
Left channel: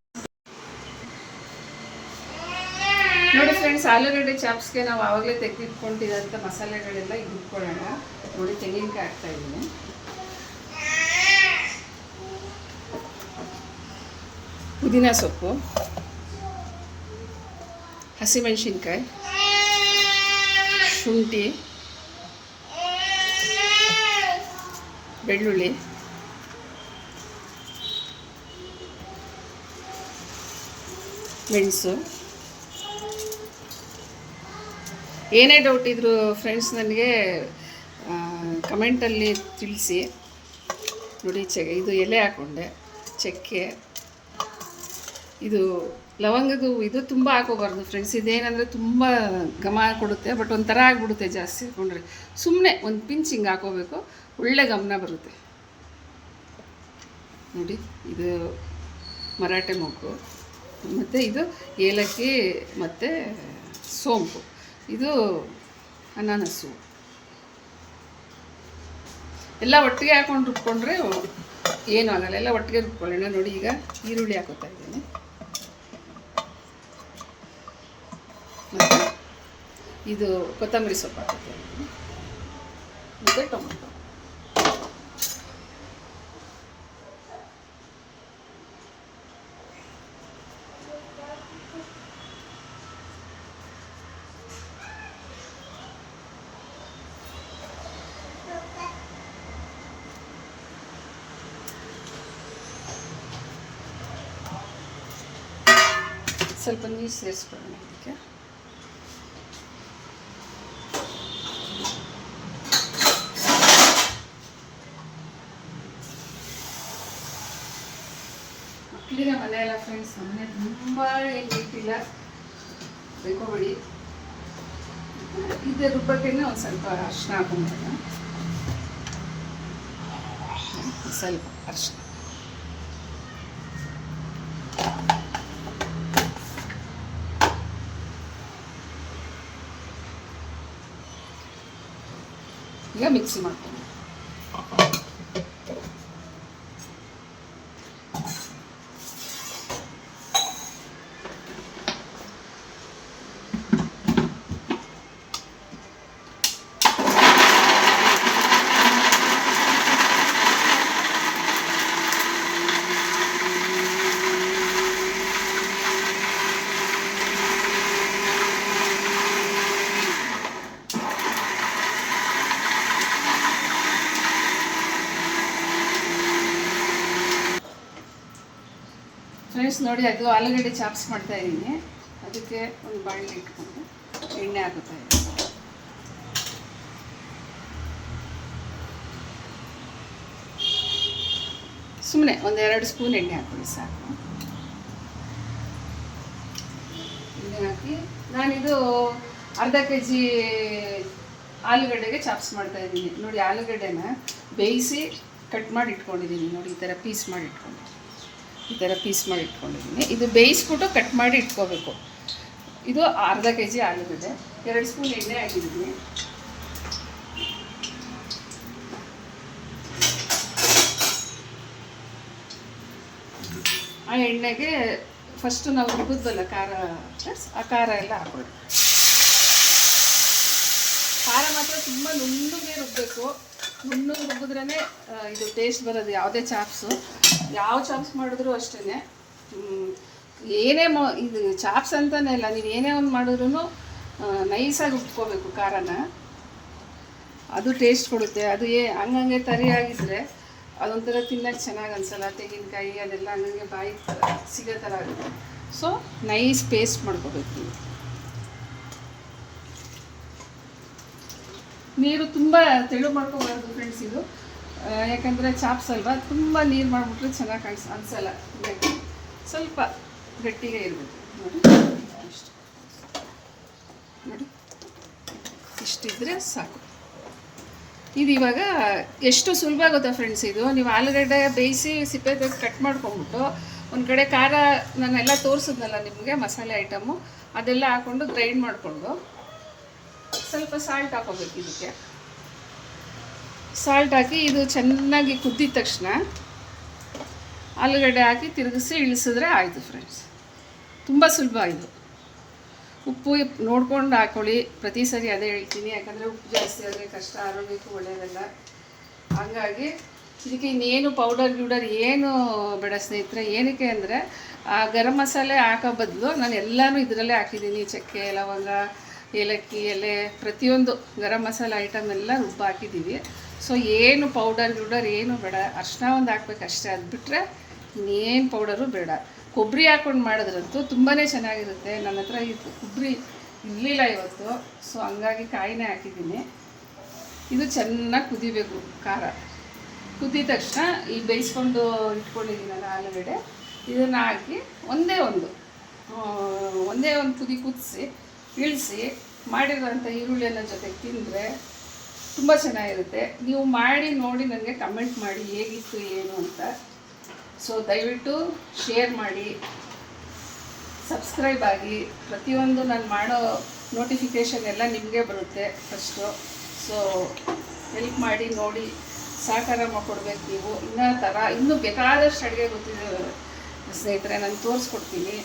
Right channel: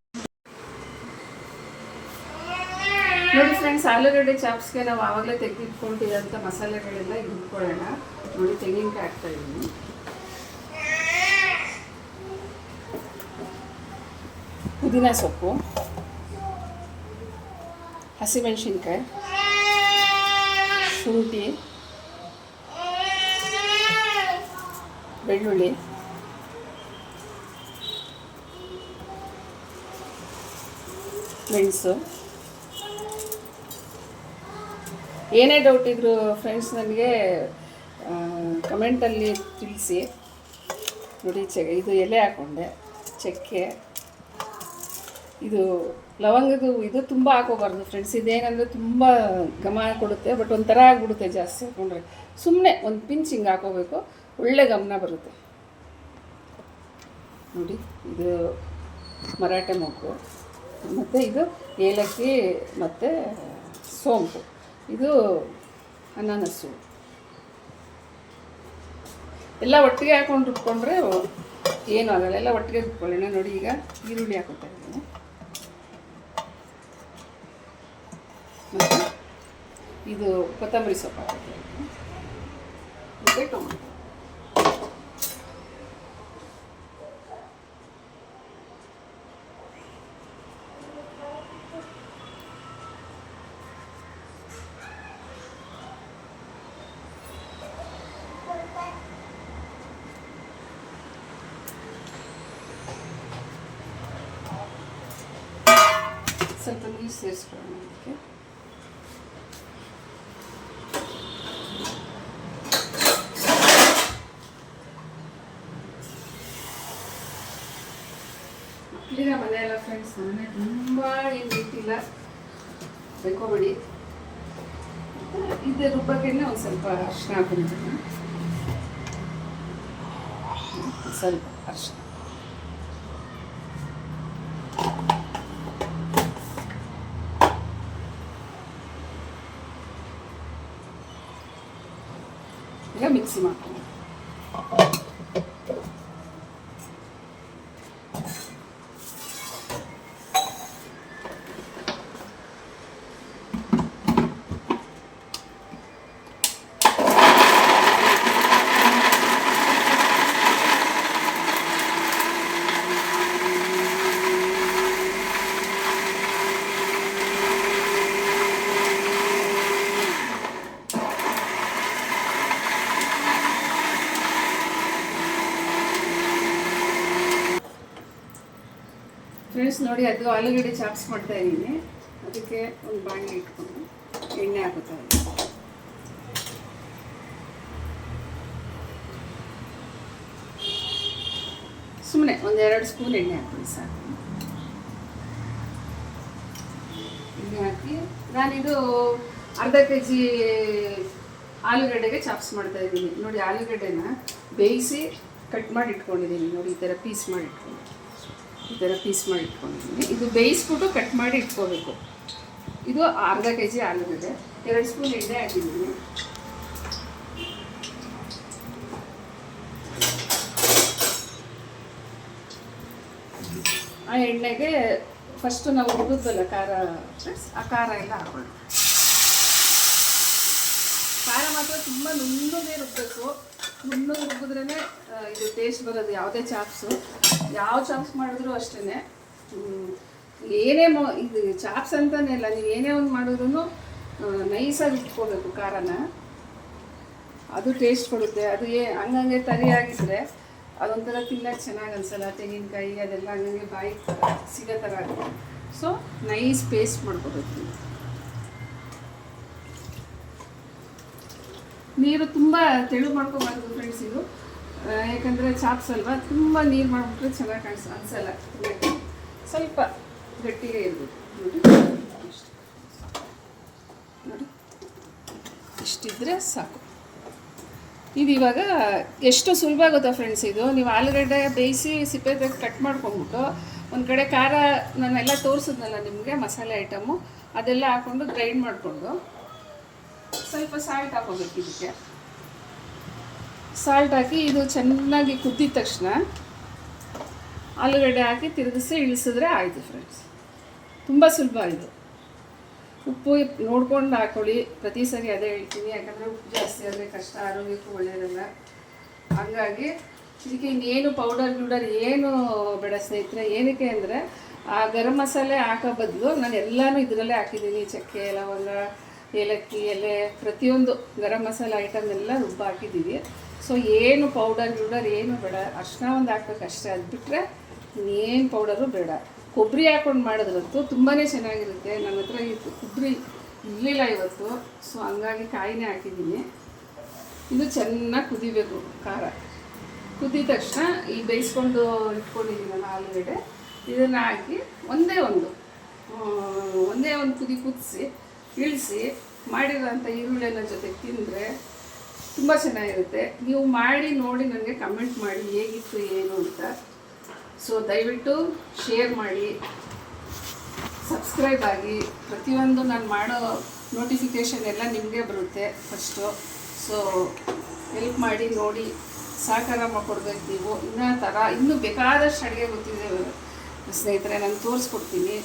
ನೋಡಿ ಫ್ರೆಂಡ್ಸ್, ಆಲೂಗಡ್ಡೆ ಚಾಪ್ಸ್ಗೆ ನಾವು ಆವಾಗಲೇ ತೆಗೆದಿಟ್ಕೊಂಡಿರೋಂಥ ಮಸಾಲೆಗಳೆಲ್ಲ ಇಟ್ಕೊಳ್ಳೋಣ. ನೋಡಿ ತೆಂಗಿನಕಾಯಿ ಹಾಕ್ತಾಯಿದ್ದೀನಿ, ಪುದೀನ ಸೊಪ್ಪು, ಹಸಿಮೆಣಸಿನ್ಕಾಯಿ, ಶುಂಠಿ, ಬೆಳ್ಳುಳ್ಳಿ, ಮೆಣಸು. ಏನೇ ಡೌಟ್ ಇದ್ದರೂ ಫ್ರೆಂಡ್ಸ್ ನನಗೆ ಕಮೆಂಟಲ್ಲಿ ತಿಳಿಸಿ. ನೋಡಿ ಇದು ಎಲೆ ಹಾಕ್ಕೊಂಡೆ, ಚಕ್ಕೆ, ಇದು ಲವಂಗದ್ದು ಇದು ತುಂಬ ಹಾಕೋಬಾರ್ದು ಫ್ರೆಂಡ್ಸ್. ಇದೇನಂದರೆ ತುಂಬ ಘಮ ಕೊಡುತ್ತೆ, ಬಟ್ ಒಂಥರ ಆಗಿಬಿಡುತ್ತೆ ಜಾಸ್ತಿ ಹಾಕ್ಕೊಂಡ್ರೆ. ಸುಮ್ಮನೆ ಒಂದು ಪಿಂಚ್ ಹಿಂಗೆ ಹಾಕೋಬೇಕು, ಒಳ್ಳೆ ಗಮನ ಬರುತ್ತೆ. ನೋಡಿ ಇದು ಮರಾಠೆ ಮೊಗ್ಗು, ಮತ್ತು ಇದು ಏಲಕ್ಕಿ ಮತ್ತು ಸೋಂಪು, ಇದು ಅನಾನಸ್ಸು. ಎಲ್ಲ ಒಟ್ಟಿಗೆ ಹಾಕೊಂಡು ರುಬ್ಕೊಂಡ್ರೆ ಏನೂ ಆಗಲ್ಲ, ಎಲ್ಲ ಒಟ್ಟಿಗೆ ರುಬ್ಕೊಳ್ಳೋಣ. ನೋಡಿ ಈಗ ಈರುಳ್ಳಿ ಹಾಕೋತಾ ಇದ್ದೀನಿ, ಮತ್ತು ಇದು ಕೊತ್ತಂಬರಿ ಸೊಪ್ಪು ಹಾಕೋತಾ ಇದ್ದೀನಿ, ಮತ್ತು ಟೊಮೊಟೊ. ಸ್ವಲ್ಪ ನೀರು ಸೇರಿಸ್ಕೊಳ್ಳೋಣ ಇದಕ್ಕೆ. ಮಕ್ಕಳಿನ ಮನೆ ಅಲ್ಲ ಫ್ರೆಂಡ್ಸ್, ಮನೆ ತುಂಬ ಏನು ನೀಟಿಲ್ಲ ಬೇಕೋಬಿಡಿ. ಇದು ರುಬ್ಬಕ್ಕೆನೆ ಒಂದು ಸ್ವಲ್ಪ ಅರಿಶಿನ ಹಾಕೊಂಡ್ಬಿಡೋಣ, ಸ್ವಲ್ಪ ಅರಿಶಿನ. ಈಗ ಮಿಕ್ಸಿ ಮಾಡ್ತೀನಿ. ಫ್ರೆಂಡ್ಸ್ ನೋಡಿ, ಅದು ಆಲೂಗಡ್ಡೆ ಚಾಪ್ಸ್ ಮಾಡ್ತಾ ಇದ್ದೀನಿ. ಅದಕ್ಕೆ ಒಂದು ಬಾಣಲೆ ಇಟ್ಕೊಂಡು ಎಣ್ಣೆ ಹಾಕುತ್ತಾ ಇದ್ದೀನಿ. ಸುಮ್ಮನೆ ಒಂದು 2 ಸ್ಪೂನ್ ಎಣ್ಣೆ ಹಾಕಿ ಸಾಕು. ಎಣ್ಣೆ ಹಾಕಿ ನಾನಿದು ಅರ್ಧ kg ಆಲೂಗಡ್ಡೆಗೆ ಚಾಪ್ಸ್ ಮಾಡ್ತಾ ಇದ್ದೀನಿ. ನೋಡಿ, ಆಲೂಗಡ್ಡೆನ ಬೇಯಿಸಿ ಕಟ್ ಮಾಡಿ ಇಟ್ಕೊಂಡಿದ್ದೀನಿ. ನೋಡಿ, ಈ ಥರ ಪೀಸ್ ಮಾಡಿ ಇಟ್ಕೊಂಡಿದ್ದೀನಿ. ಇದು ಬೇಯಿಸ್ಬಿಟ್ಟು ಕಟ್ ಮಾಡಿ ಇಟ್ಕೋಬೇಕು. ಇದು ಅರ್ಧ kg ಆಲೂಗಡ್ಡೆ, 2 ಸ್ಪೂನ್ ಎಣ್ಣೆ ಹಾಕಿದ್ದೀನಿ. ಆ ಎಣ್ಣೆಗೆ ಫಸ್ಟು ನಾವು ರುಬ್ಬಿದ್ವಲ್ಲ ಖಾರ, ಆ ಖಾರ ಎಲ್ಲ ಹಾಕೊಳ್ಳಿ. ಖಾರ ಮಾತ್ರ ತುಂಬ ನುಣ್ಣಗೆ ರುಬ್ಬಬೇಕು. ನುಣ್ಣಗೆ ರುಬ್ಬಿದ್ರೇ ಇದು ಟೇಸ್ಟ್ ಬರೋದು. ಯಾವುದೇ ಚಾಪ್ಸು, ಯಾವ ಚಾಪ್ಸ್ ಮಾಡಿದ್ರು ಅಷ್ಟೇ. ಏನೇ ಇದು ಚಾಪ್ಸ್ ಅಂತಲೇ ಇಲ್ಲ, ನೀವು ಏನೇ ಒಂದು ಮಾಡಿದ್ರೂ ನೈಸಾಗಿ ರುಬ್ಕೋಬೇಕು ಖಾರನ. ಅದು ಟೇಸ್ಟ್ ಕೊಡುತ್ತೆ. ಅದು ಹಂಗಂಗೆ ತರಿಯಾಗಿದ್ದರೆ ಅದೊಂಥರ ತಿನ್ನಕ್ಕೆ ಚೆನ್ನಾಗಿ ಅನಿಸಲ್ಲ. ತೆಂಗಿನಕಾಯಿ ಅದೆಲ್ಲ ಹಂಗಂಗೆ ಬಾಯಿ ಸಿಗೋ ಥರ ಆಗುತ್ತೆ. ಸೊ ನೈಸ್ ಪೇಸ್ಟ್ ಮಾಡ್ಕೋಬೇಕು. ನೀರು ತುಂಬ ತೆಳು ಮಾಡ್ಕೋಬಾರ್ದು ಫ್ರೆಂಡ್ಸ್. ಇದು ಯಾಕಂದರೆ ಚಾಪ್ಸ್ ಅಲ್ವಾ, ತುಂಬ ನೀರು ಮಾಡಿಬಿಟ್ರೆ ಚೆನ್ನಾಗಿ ಅನಿಸಲ್ಲ. ಸ್ವಲ್ಪ ಗಟ್ಟಿಗೆ ಇರಬೇಕು. ನೋಡಿ, ಇಷ್ಟಿದ್ರೆ ಸಾಕು. ಇದು ಇವಾಗ ಎಷ್ಟು ಸುಲಭ ಆಗುತ್ತಾ ಫ್ರೆಂಡ್ಸ್. ಇದು ನೀವು ಆಲೂಗಡ್ಡೆ ಬೇಯಿಸಿ ಸಿಪ್ಪೆ ತೆಗೆದು ಕಟ್ ಮಾಡ್ಕೊಂಡ್ಬಿಟ್ಟು ಒಂದು ಕಡೆ ಖಾರ ನಾನೆಲ್ಲ ತೋರಿಸಿದ್ನಲ್ಲ ನಿಮಗೆ, ಮಸಾಲೆ ಐಟಮು ಅದೆಲ್ಲ ಹಾಕ್ಕೊಂಡು ಗ್ರೈಂಡ್ ಮಾಡಿಕೊಂಡು ಸ್ವಲ್ಪ ಸಾಲ್ಟ್ ಹಾಕೋಬೇಕು. ಇದಕ್ಕೆ ಸಾಲ್ಟ್ ಹಾಕಿ ಇದು ಚೆನ್ನಾಗಿ ಕುದ್ದಿದ ತಕ್ಷಣ ಆಲೂಗಡ್ಡೆ ಹಾಕಿ ತಿರುಗಿಸಿ ಇಳಿಸಿದ್ರೆ ಆಯಿತು ಫ್ರೆಂಡ್ಸ್. ತುಂಬ ಸುಲಭ ಇದು. ಉಪ್ಪು ನೋಡ್ಕೊಂಡು ಹಾಕ್ಕೊಳ್ಳಿ. ಪ್ರತಿ ಸರಿ ಅದೇ ಹೇಳ್ತೀನಿ, ಯಾಕಂದರೆ ಉಪ್ಪು ಜಾಸ್ತಿ ಆದರೆ ಕಷ್ಟ, ಆರೋಗ್ಯಕ್ಕೂ ಒಳ್ಳೆಯದಲ್ಲ. ಹಾಗಾಗಿ ಇದಕ್ಕೆ ಇನ್ನೇನು ಪೌಡರ್ ಏನು ಬೇಡ ಸ್ನೇಹಿತರೆ. ಏನಕ್ಕೆ ಅಂದರೆ ಆ ಗರಂ ಮಸಾಲೆ ಹಾಕೋ ಬದಲು ನಾನು ಎಲ್ಲನೂ ಇದರಲ್ಲೇ ಹಾಕಿದ್ದೀನಿ. ಚಕ್ಕೆ, ಲವಂಗ, ಏಲಕ್ಕಿ ಎಲೆ, ಪ್ರತಿಯೊಂದು ಗರಂ ಮಸಾಲೆ ಐಟಮ್ ಎಲ್ಲ ರುಬ್ಬ ಹಾಕಿದ್ದೀವಿ. ಸೊ ಏನು ಪೌಡರ್ ಏನು ಬೇಡ. ಅರ್ಶಿನ ಒಂದು ಹಾಕ್ಬೇಕು ಅಷ್ಟೇ. ಅದು ಬಿಟ್ಟರೆ ಇನ್ನೇನು ಪೌಡರು ಬೇಡ. ಕೊಬ್ಬರಿ ಹಾಕ್ಕೊಂಡು ಮಾಡಿದ್ರಂತೂ ತುಂಬಾ ಚೆನ್ನಾಗಿರುತ್ತೆ. ನನ್ನ ಹತ್ರ ಇದು ಕೊಬ್ಬರಿ ಇರಲಿಲ್ಲ ಇವತ್ತು, ಸೊ ಹಂಗಾಗಿ ಕಾಯಿನೇ ಹಾಕಿದ್ದೀನಿ. ಇದು ಚೆನ್ನಾಗಿ ಕುದಿಬೇಕು. ಖಾರ ಕುದಿದ ತಕ್ಷಣ ಈ ಬೇಯಿಸ್ಕೊಂಡು ಇಟ್ಕೊಂಡಿದ್ದೀನಲ್ಲ ಆಲೂಗಡ್ಡೆ, ಇದನ್ನು ಹಾಕಿ ಒಂದೇ ಒಂದು ಕುದಿ ಕುದಿಸಿ ಇಳಿಸಿ ಮಾಡಿರೋಂಥ ಈರುಳ್ಳಿ ಎಲ್ಲ ಜೊತೆಗೆ ತಿಂದರೆ ತುಂಬ ಚೆನ್ನಾಗಿರುತ್ತೆ. ನೀವು ಮಾಡಿ ನೋಡಿ ನನಗೆ ಕಮೆಂಟ್ ಮಾಡಿ ಹೇಗಿತ್ತು ಏನು ಅಂತ. ಸೊ ದಯವಿಟ್ಟು ಶೇರ್ ಮಾಡಿ, ಸಬ್ಸ್ಕ್ರೈಬ್ ಆಗಿ. ಪ್ರತಿಯೊಂದು ನಾನು ಮಾಡೋ ನೋಟಿಫಿಕೇಷನ್ ಎಲ್ಲ ನಿಮಗೆ ಬರುತ್ತೆ ಫಸ್ಟು. ಸೊ ಹೆಲ್ಪ್ ಮಾಡಿ ನೋಡಿ, ಸಹಕಾರ ಮಾಡಿಕೊಡ್ಬೇಕು ನೀವು. ಇನ್ನೂ ಬೇಕಾದಷ್ಟು ಅಡುಗೆ ಗೊತ್ತಿದೆ ಸ್ನೇಹಿತರೆ, ನಾನು ತೋರಿಸ್ಕೊಡ್ತೀನಿ.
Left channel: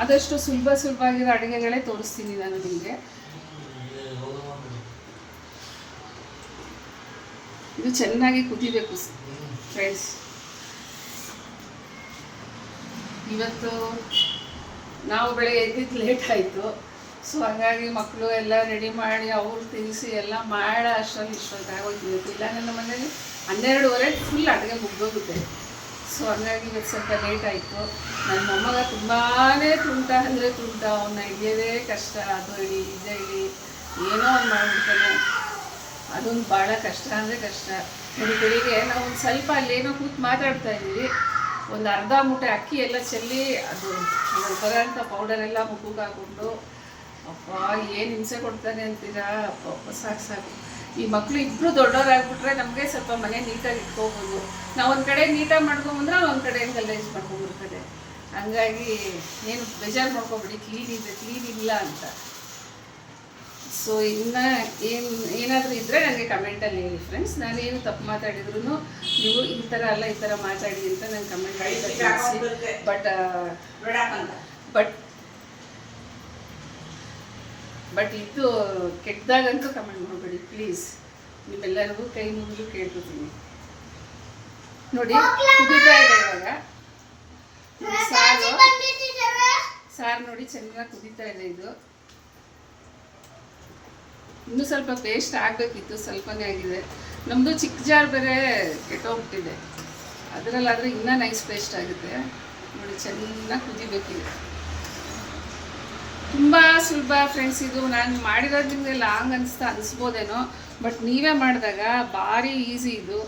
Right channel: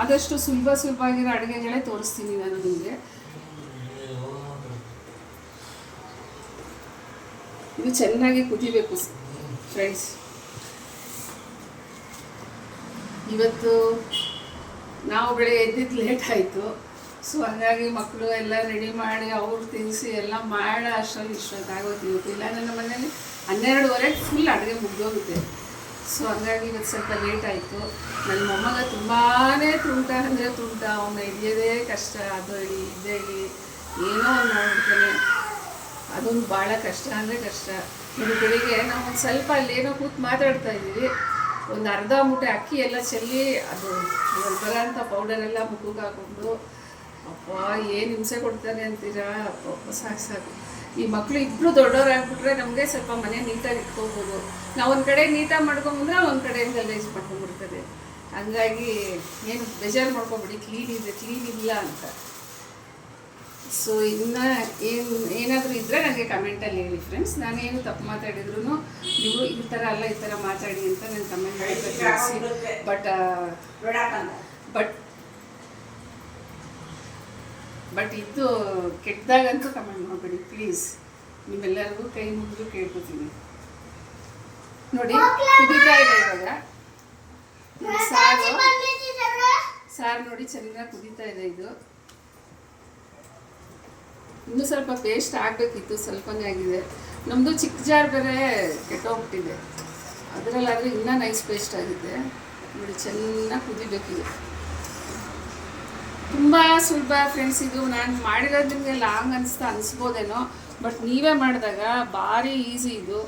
ಆದಷ್ಟು ಸುಲಭವಾಗಿರೋ ಅಡುಗೆಗಳೇ ತೋರಿಸ್ತೀನಿ ನಾನು ನಿಮಗೆ. ಇದು ಚೆನ್ನಾಗಿ ಕುದಿಬೇಕು ಫ್ರೆಂಡ್ಸ್. ಇವತ್ತು ನಾವು ಬೆಳಗ್ಗೆ ಎದ್ದಿದ್ದು ಲೇಟ್ ಆಯಿತು. ಸೊ ಹಾಗಾಗಿ ಮಕ್ಕಳು ಎಲ್ಲ ರೆಡಿ ಮಾಡಿ ಅವ್ರು ತಿನ್ನಿಸಿ ಎಲ್ಲ ಮಾಡೋ ಅಷ್ಟರಲ್ಲಿ ಇಷ್ಟೊತ್ತು ಆಗೋಯ್ತು. ಇವತ್ತು ಇಲ್ಲ, ನನ್ನ ಮನೇಲಿ 12:30 ಫುಲ್ ಅಡುಗೆ ಮುಗ್ದೋಗುತ್ತೆ. ಸೊ ಹಂಗಾಗಿ ಇವತ್ತು ಸ್ವಲ್ಪ ಲೇಟ್ ಆಯಿತು. ನನ್ನ ಮೊಮ್ಮಗ ತುಂಬಾ ತುಂಟ ಅಂದರೆ ತುಂಟ, ಅವನ್ನ ಹಿಡಿಯೋದೇ ಕಷ್ಟ. ಅದು ಹಿಡಿ ಇದೇ ಹಿಡಿ ಏನೋ ಅವ್ನು ಮಾಡಿಬಿಡ್ತಾನೆ. ಅದೊಂದು ಭಾಳ ಕಷ್ಟ ಅಂದರೆ ಕಷ್ಟ. ನೋಡಿ ಬೆಳಿಗ್ಗೆ ನಾವು ಒಂದು ಸ್ವಲ್ಪ ಅಲ್ಲೇನೋ ಕೂತು ಮಾತಾಡ್ತಾ ಇದ್ದೀವಿ, ಒಂದು ಅರ್ಧ ಮೂಟೆ ಅಕ್ಕಿ ಎಲ್ಲ ಚೆಲ್ಲಿ ಅದು ಬರೋಂಥ ಪೌಡರೆಲ್ಲ ಮುಖಕ್ಕೆ ಹಾಕ್ಕೊಂಡು ಅಪ್ಪ ಏನು ಹಿಂಸೆ ಕೊಡ್ತಾನೆ ಅಂತೀರಾ. ಅಪ್ಪ ಸಾಕು. ಈ ಮಕ್ಕಳು ಇಬ್ಬರು ದೊಡ್ಡವರಾಗ್ಬಿಟ್ರೆ ನಮಗೆ ಸ್ವಲ್ಪ ಮನೆ ನೀಟಾಗಿ ಇಟ್ಕೋಬೋದು. ನಾವು ಒಂದು ಕಡೆ ನೀಟಾಗಿ ಮಾಡ್ಕೊಂಬಂದ್ರೆ ಒಂದು ಕಡೆ ಗಲೀಜು ಮಾಡ್ಕೊಂಡ್ಬಿಡ್ತಾರೆ. ಹಂಗಾಗಿ ಏನು ಬೇಜಾರು ಮಾಡ್ಕೊಬೇಡಿ, ಕ್ಲೀನ್ ಇಲ್ಲ ಅಂತ. ಸೊ ಇನ್ನು ಏನಾದರೂ ಇದ್ದರೆ ನನಗೆ ಕಮೆಂಟಲ್ಲಿ ಹೇಳಿ ಫ್ರೆಂಡ್ಸ್. ನಾನೇನು ತಪ್ಪು ಮಾತಾಡಿದ್ರು ನೀವು ಈ ಥರ ಅಲ್ಲ ಈ ಥರ ಮಾತಾಡಿ ಅಂತ ನಂಗೆ ಕಮೆಂಟ್ ಮಾಡಿ ತಿಳಿಸಿ. ಬಟ್ ಇದು ಕೆಟ್ಟದಾಗಂತೂ ಕಮೆಂಟ್ ಮಾಡಬೇಡಿ ಪ್ಲೀಸ್. ನಿಮ್ಮೆಲ್ಲರಿಗೂ ಕೈ ಮುಗಿದು ಕೇಳ್ಕೊತೀನಿ. ನೋಡಿ ಕುದೀತಾ ಇದೆ ಇವಾಗ ಸಾರು ನೋಡಿ ಚೆನ್ನಾಗಿ ಕುದೀತಾ ಇದೆ. ಇದು ಇನ್ನೂ ಸ್ವಲ್ಪ ಪೇಸ್ಟ್ ಆಗಬೇಕಿತ್ತು, ಸ್ವಲ್ಪನೇ ಆಗಿದೆ. ನಮ್ಮದು ಚಿಕ್ಕ ಜಾರ್ ಬೇರೆ ಕೆಟ್ಟೋಗ್ಬಿಟ್ಟಿದೆ, ಅದರಲ್ಲಾದರೆ ಇನ್ನೂ ನೈಸ್ ಪೇಸ್ಟ್ ಆಗುತ್ತೆ. ನೋಡಿ ಚೆನ್ನಾಗಿ ಕುದಿಬೇಕಿದೆ. ತುಂಬ ಸುಲಭ ಫ್ರೆಂಡ್ಸ್. ಇದು ನಾನು ಮಾಡಿರೋದು ನಿಮಗೆ ಲಾಂಗ್ ಅನಿಸ್ಬೋದೇನೋ, ಬಟ್ ನೀವೇ ಮಾಡಿದಾಗ ಭಾರಿ ಈಸಿ. ಇದು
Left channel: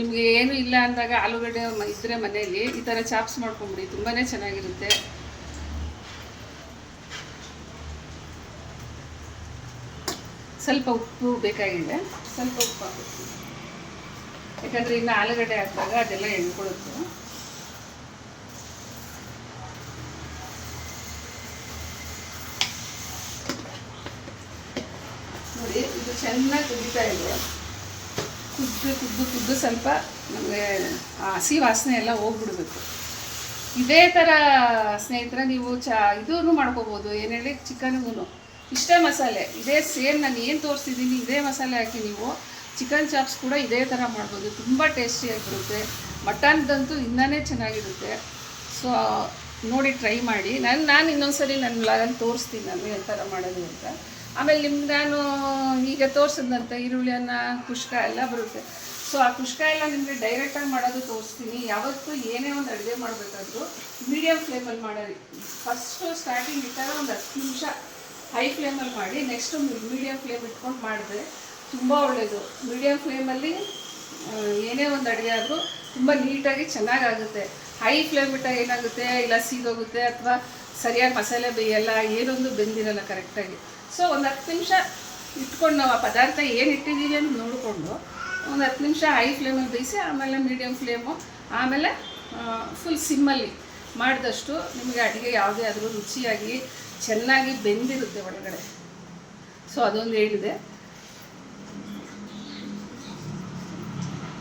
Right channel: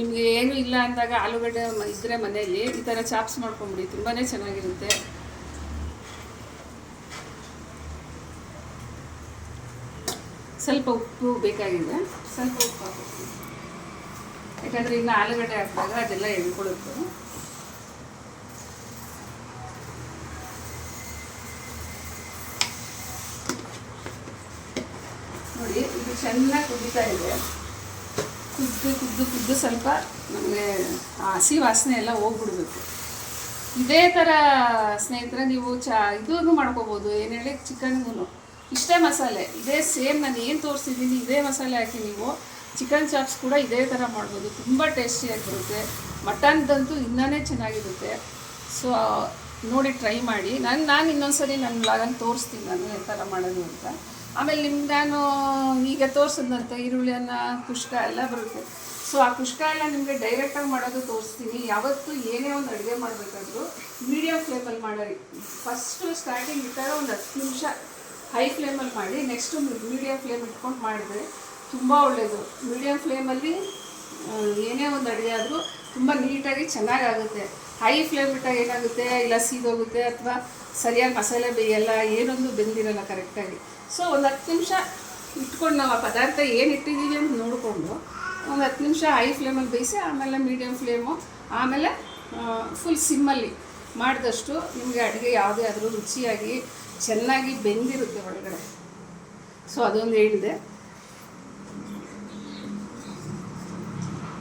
ನಿಮಗೆ ಏನೂ ಇಲ್ಲ ಅಂದಾಗ ಆಲೂಗಡ್ಡೆ ಇದ್ದರೆ ಮನೆಯಲ್ಲಿ ಈ ಥರ ಚಾಪ್ಸ್ ಮಾಡ್ಕೊಂಬಿಡಿ, ತುಂಬಾ ಚೆನ್ನಾಗಿರುತ್ತೆ. ಸ್ವಲ್ಪ ಉಪ್ಪು ಬೇಕಾಗಿದೆ, ಸ್ವಲ್ಪ ಉಪ್ಪು ಹಾಕ್ತೀನಿ. ಯಾಕಂದರೆ ಇನ್ನು ಆಲೂಗಡ್ಡೆ ಹಾಕಿದಾಗ ಅದೆಲ್ಲ ಎಣ್ಕೊಳುತ್ತೆ. ನೋಡಿ ಇದು ಚೆನ್ನಾಗಿ ಕುದೀತಾ ಇದೆ. ಕುದ್ದು ಸ್ವಲ್ಪ ನಮಗೆ ಹಸಿ ವಾಸನೆ ಎಲ್ಲ ಹೋಗ್ಬಿಡ್ಬೇಕು. ಇದೇ ಥರ ಸ್ನೇಹಿತರೆ ನೀವು ಇದನ್ನು ಮಾಡ್ಕೋಬೋದು. ಏನು ಹೇಳಿ, ಚಿಕನ್ಗೂ ಇಷ್ಟೇ ಮಸಾಲೆ, ಇದೇ ಸೇಮ್ ನಾನು ಏನು ತೋರಿಸಿದ್ದೀನಿ ಇದೇ ಮಸಾಲೆ ಹಾಕಿ ನೀವು ಚಿಕನ್ ಚಾಪ್ಸ್ ಕೂಡ ಇದೇ ಥರ ಮಾಡ್ಬೋದು. ತುಂಬ ಟೇಸ್ಟಿಯಾಗಿರುತ್ತೆ. ಮಟನ್ದಂತೂ ಇನ್ನೂ ಚೆನ್ನಾಗಿರುತ್ತೆ. ಸೊ ನೋಡಿ ಟ್ರೈ ಮಾಡಿ. ನಾನು ಇನ್ನೊಂದ್ಸರಿ ನನ್ನ ಲಾಗಲ್ಲಿ ತೋರಿಸ್ತೀನಿ ನಾನು ಯಾವ ಥರ ಮಾಡೋದು ಅಂತ. ಆಮೇಲೆ ನಿಮ್ಗೆ ನಾನು ಈಗ ತೋರಿಸಿದಂಥ ಈರುಳ್ಳಿ ಅನ್ನ ಕುಷ್ಕ ಎಲ್ಲ ಬರುತ್ತೆ. ಸೊ ಆ ಕುಷ್ಕ ಎಲ್ಲ ನಿಮಗೆ ಡೈರೆಕ್ಟಾಗಿ ಮಾಡೋದು ತೋರಿಸ್ತೀನಿ. ಯಾವತ್ತೂ ಏನೇ ಒಂದು ಅಡುಗೆ ಮಾಡಬೇಕಾದ್ರೂ ಮೀಡಿಯಮ್ ಫ್ಲೇಮಲ್ಲಿ ಮಾಡೋರಿ. ಫಸ್ಟು ಸ್ಟಾರ್ಟಿಂಗ್ ಇಟ್ಟಾಗ ಒಂದು 10 ನಿಮಿಷ ಹೈ ಫ್ಲೇಮಲ್ಲಿ ಮಾಡಿ, ನೆಕ್ಸ್ಟು ಮೀಡಿಯಮ್ ಫ್ಲೇಮ್ ಇಟ್ಕೊಂಡು ಮಾಡಿದ್ರೆ ತುಂಬ ಒಳ್ಳೆಯದು. ಮೀಡಿಯಮ್ ಫ್ಲೇಮಲ್ಲಿ ಏನೇ ಒಂದು ಅಡುಗೆ ಆದರೂ ತುಂಬ ನೀಟಾಗಿ ಚೆನ್ನಾಗಾಗುತ್ತೆ. ಹೈ ಫ್ಲೇಮ್ ಇಟ್ಟಾಗ ಏನಾಗುತ್ತೆ, ಇಲ್ಲ ಸೀದೋಗುತ್ತೆ ಅಥವಾ ಸರಿಯಾಗಿ ಮಸಾಲೆ ಬೇಯಲ್ಲ, ಏನೊಂದು ಬೆಂದಿರಲ್ಲ ಕರೆಕ್ಟಾಗಿ. ಸೊ ಒಂದು 10 ನಿಮಿಷ ಇಟ್ಕೊಂಡು ನಾವು ಆ ಪದಾರ್ಥ ಏನು ಇಟ್ಟಿದ್ದೀವಿ ಅಂತ ನೋಡಿಕೊಂಡು ಒಂದು 10 ನಿಮಿಷ ಹೈ ಫ್ಲೇಮಲ್ಲಿ ಬೇಯಿಸಿ, ಆಮೇಲೆ ಮೀಡಿಯಮ್ ಫ್ಲೇಮು, ಆಮೇಲೆ ಫುಲ್ ಸಿಮ್ಮಲ್ಲಿ ಮಾಡಿದಷ್ಟು ನಿಮಗೆ ಅಡುಗೆ ಯಾವುದೇ ಆದರೂ ರುಚಿಯಾಗಿ ಚೆನ್ನಾಗಿ ಬೆಂದಿರುತ್ತೆ ಒಳಗಡೆ. ಸೊ ಅದೊಂದು ಹೇಳಿದೆ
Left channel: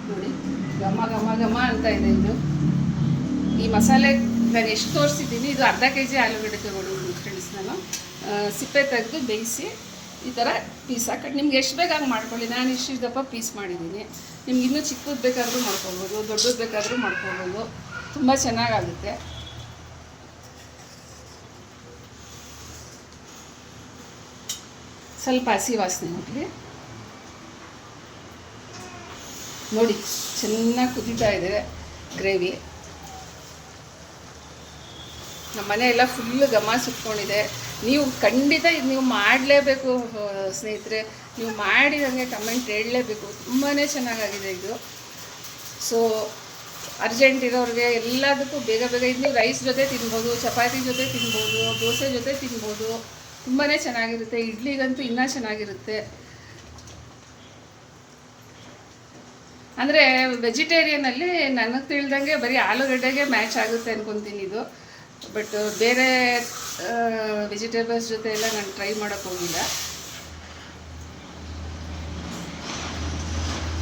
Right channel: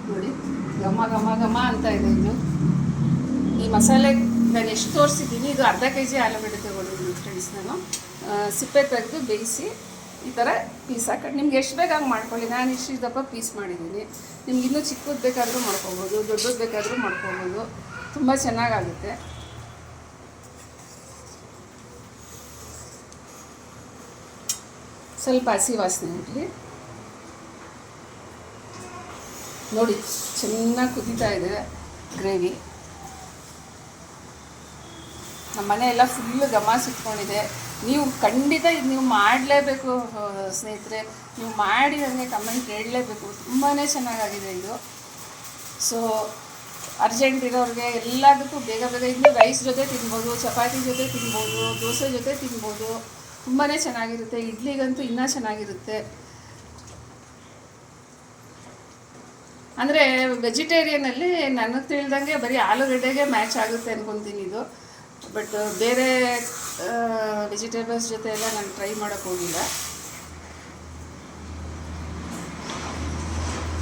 ನೋಡಿ, ಘಮ ಅಂತ ಇದೆ. ಇದು ಈ ಮಸಾಲೆ ನಾನು ಎಷ್ಟು ತೋರಿಸಿದ್ದೀನಿ, ಇದು ಅರ್ಧ kg ಆಲೂಗಡ್ಡೆ ತೊಗೊಂಡಿದ್ದೀನಿ ಫ್ರೆಂಡ್ಸ್. ನಾನು ಸಿಪ್ಪೆ ತೆಗೆದು ಬೇಯಿಸಿ ಈ ಥರ ಪೀಸ್ ಹಾಕಿ ನಿಮ್ಗೆ ಎಷ್ಟು ಬೇಕಾಗಿ ಮಾಡ್ಕೊಳ್ಳಿ. ನಾನು ಇಷ್ಟು ದಪ್ಪ ಪೀಸ್ ಮಾಡಿದ್ದೀನಿ. ನಿಮ್ಗೆ ಇನ್ನೂ ಚಿಕ್ಕದು ಬೇಕಾದರೂ ಮಾಡ್ಕೊಬೋದು, ದೊಡ್ಡದು ಬೇಕಾದರೂ ಮಾಡ್ಕೊಬೋದು. ತುಂಬ ಚೆನ್ನಾಗಾಗುತ್ತೆ. ಸ್ವಲ್ಪ ಹಸಿ ವಾಸನೆ ಹೋಗಲಿ. ನೋಡಿ ಚೆನ್ನಾಗಿ ಕುದೀತಾ ಇದೆ ಗ್ರೇವಿ. ನಮ್ಮ ಮನೆ ಎಲ್ಲ ಫುಲ್ಲು ಘಮ ಸುಟ್ಕೊಂಡಿದೆ. ನೀವು ಖಂಡಿತ ಇದು ನೀವು ಮಾಡಲೇಬೇಕು ಸ್ನೇಹಿತರೆ. ನೀವು ಮಾಡಿ ನನಗೆ ಕಮೆಂಟ್ ಹೇಳಲೇಬೇಕು. ತುಂಬಾ ಚೆನ್ನಾಗಾಗಿದೆ ಇದು. ಸೊ ಅರ್ಜೆಂಟ್ ಇರೋರಿಗೆ ಎಲ್ಲದಕ್ಕೂ ಬೇಗ ಇನ್ನು ರೈಸ್ ಜೊತೆ ತಿನ್ಬೋದು, ಚಪಾತಿ ಜೊತೆ ತಿನ್ಬೋದು, ದೋಸೆ ಜೊತೆ ತಿನ್ಬೋದು. ತುಂಬಾ ಚೆನ್ನಾಗಿರುತ್ತೆ. ಇಡ್ಲಿಗಂತೂ ಇನ್ನೂ ಚೆನ್ನಾಗಿರುತ್ತೆ. ಅಂದರೆ ವೆಜಿಟೇರಿಯನಲ್ಲಿ ನನಗೆ ತಿಳಿದಂಗೆ ಬರೀ ಆಲೂಗಡ್ಡೆಗೆ ಮ್ಯಾಚ್ ಆಗುತ್ತೆ ಅಂದ್ಕೊತೀನಿ ಇದು. ಬಟ್ ಬೇರೆ ವೆಜಿಟೇಬಲ್ಸ್ ಜೊತೆ ಎಲ್ಲ ನಾನು ಟ್ರೈ ಮಾಡೋಕ್ಕೆ ಹೋಗಿಲ್ಲ.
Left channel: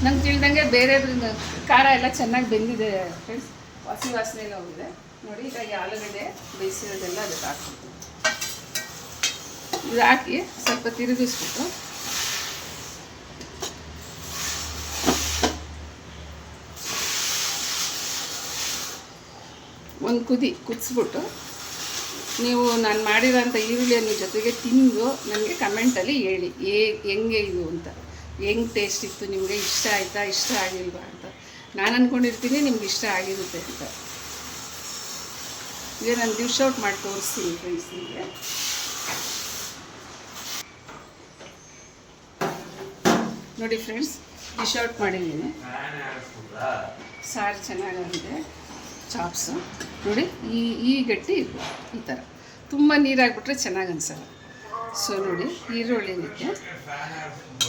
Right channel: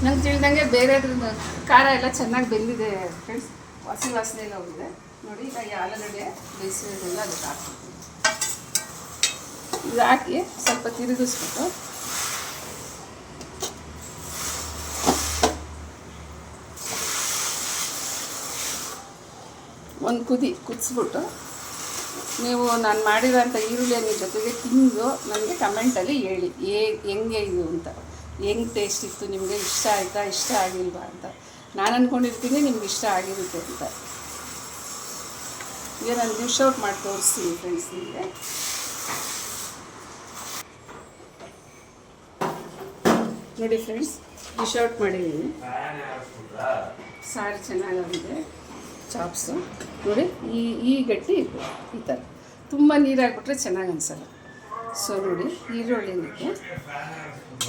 ನಂಗೆ ತಿಳಿದಂಗೆ ಬೇರೆದ್ರಿಂದ ಖಾರ ಎಲ್ಲ ಚೆನ್ನಾಗಿ ಬೆಂದಿದೆ ಫ್ರೆಂಡ್ಸ್. ಹಸಿ ವಾಸನೆ ಎಲ್ಲ ಹೋಗಿದೆ ನೋಡಿ. ಈಗ ಈ ಆಲೂಗಡ್ಡೆ ಬೇಯಿಸಿರೋದೆಲ್ಲ ಅದಕ್ಕೆ ಹಾಕ್ತೀನಿ. ಇದು ಹಾಕಿ ಸ್ವಲ್ಪ ತಿರುಗಿಸ್ಬಿಟ್ಟು ಒಂದು ಕುದಿಸ್ಬಿಟ್ಟು ನೀವು ನಾನು ಮಾಡಿರೋಂಥ ಈರುಳ್ಳಿಯನ್ನು ಜೊತೆಗೆ ತಿಂದು ನನಗೆ ಕಮೆಂಟಲ್ಲಿ ಹೇಳಿ ಹೆಂಗೆ ಇದು ಅಂತ, ಹೆಂಗೆ ಟೇಸ್ಟ್ ಇತ್ತು, ನಿಮಗೆ ಇಷ್ಟ ಆಯಿತಾ ಇಷ್ಟ ಆಗಿಲ್ವಾ ಅಂತ. ನಾನು ಅಂದ್ಕೊಂಡಿರ್ತೀನಿ ನಿಮ್ಗೆ ಇಷ್ಟ ಆಗಿರುತ್ತೆ ಅಂತ. ಈಗ ನಾನು ಡಿಶ್ ಔಟ್ ಮಾಡಿ ತೋರಿಸ್ತೀನಿ ಫ್ರೆಂಡ್ಸ್ ನಿಮಗೆ. ನೋಡಿ ಫ್ರೆಂಡ್ಸ್, ಡಿಶ್ ಔಟ್ ಮಾಡಿದ್ದೀನಿ. ಸಾರು ಚೆನ್ನಾಗಿದೆ, ಚಾಪ್ಸು ನೋಡಿ ಈ ಗಟ್ಟಿ ಇರಬೇಕು. ಈ ಥರ ತುಂಬ ನೀರಾಗಿಬಿಟ್ರೆ ಚೆನ್ನಾಗಿ ಅನ್ಸಲ್ಲ. ಸೊ ನೋಡಿ, ಈರುಳ್ಳಿನಕ್ಕೆ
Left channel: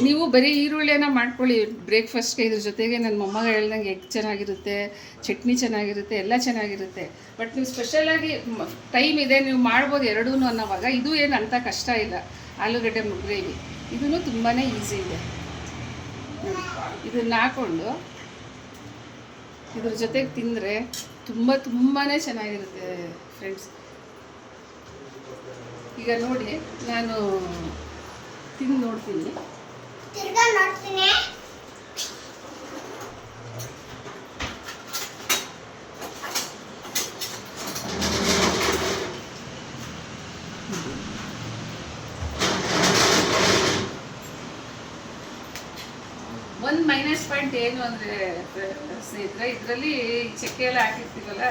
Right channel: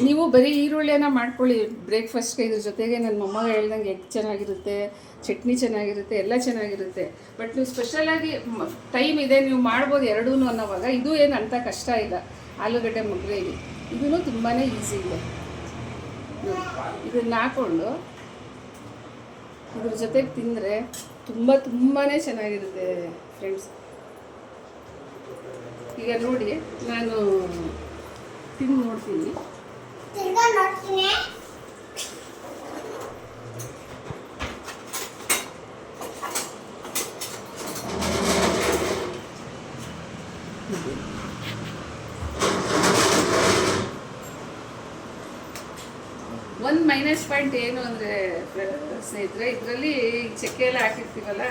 ನೀವು ಬರೀ ಈರುಳ್ಳಿನ ಮಾಡ್ಕೊಳ್ಳಿ ಬ್ರೇಕ್ಫಾಸ್ಟ್ಗೆ. ಇದ್ರ ಜೊತೆಗೆ ನನ್ನ ಮೊಮ್ಮಗ ಹೇಳ್ದಂಗೆ ಎಗ್ ಚೆನ್ನಾಗಿರುತ್ತೆ, ಚಟ್ನಿ ಚೆನ್ನಾಗಿರುತ್ತೆ, ಎಲ್ಲ ಚೆನ್ನಾಗಿರುತ್ತೆ. ಬಟ್ ನೀವು ಸ್ಪೆಷಲಾಗಿ ಟೈಮ್ ಇದೆ, ನೀವು ಮಾಡ್ಬೋದು ಎರಡೂ ಅನ್ನೋವಾಗ ಇದು ಏನು ಅಂಥ ಕಷ್ಟ ಇಲ್ಲ. ಆಲೂಗಡ್ಡೆ ಗ್ರೇವಿ ಇದೂ ತುಂಬಾ ಈಸಿ ಇದೆ. ಇದನ್ನು ಹಾಕ್ಕೊಂಡು ಇದ್ರ ಜೊತೆಗೆ ತಿಂದರೆ ತುಂಬಾ ಚೆನ್ನಾಗಿರುತ್ತೆ ಫ್ರೆಂಡ್ಸ್. ಈಗ ನೋಡಿ, ನಾನು ತಿಂದು ನೋಡ್ತೀನಿ. ಒಂದು ಮೈನಸ್ ಪಾಯಿಂಟ್ ಏನು ಅಂದರೆ ಸ್ನೇಹಿತರೆ, ಇದರಲ್ಲಿ ಚಕ್ಕೆ ಎಲ್ಲ ಹಾಕಿರ್ತೀವಲ್ಲ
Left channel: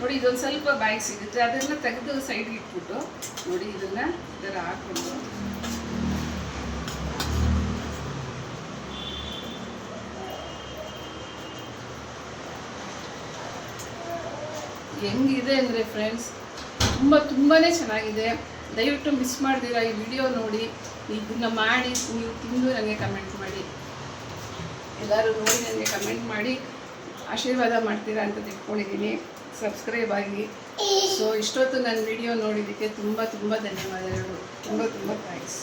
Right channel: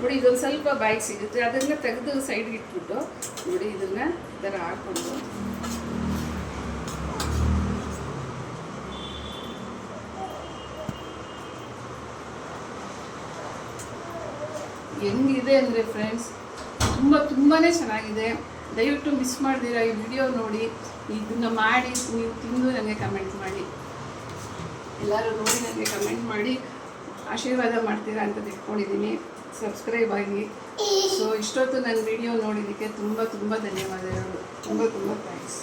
ನೋಡಿ, ಇದೊಂದು ಸ್ವಲ್ಪ ಬಾಯಿಗೆ ಸಿಗುತ್ತೆ. ಅದನ್ನು ತೆಗೆದು ಸೈಡ್ಗೆ ಇಟ್ಬಿಟ್ಟು ನೋಡಿ, ಇದನ್ನು ಈ ಥರ ಹಾಕ್ಕೊಂಡು ಹೆಂಗಿದೆ ಅಂದರೆ ಫ್ರೆಂಡ್ಸ್, ತುಂಬಾ ಚೆನ್ನಾಗಿದೆ. ದಯವಿಟ್ಟು ಮಿಸ್ ಮಾಡ್ತೀರಾ ಈ ವಿಡಿಯೋ ನೋಡಿ, ಇದನ್ನು ಮಾಡಿ ನೀವು ತಿಂದು ನನಗೆ ಕಮೆಂಟ್ ಮಾಡಿ. ಎಲ್ಲರೂ ನೋಡಿ ನನಗೆ ಕಮೆಂಟ್ ಮಾಡಿ ಆಶೀರ್ವಾದ ಮಾಡ್ತೀರಾ ಅಂತ ತಿಳ್ಕೊಂಡಿದ್ದೀನಿ. ಸಬ್ಸ್ಕ್ರೈಬ್ ಆಗಿ. ಸೊ ಇಷ್ಟೊತ್ತು ನನ್ನ ವಿಡಿಯೋ ನೋಡಿದ್ದಕ್ಕೆ ತುಂಬ ಧನ್ಯವಾದಗಳು. ತುಂಬ ಥ್ಯಾಂಕ್ಸ್.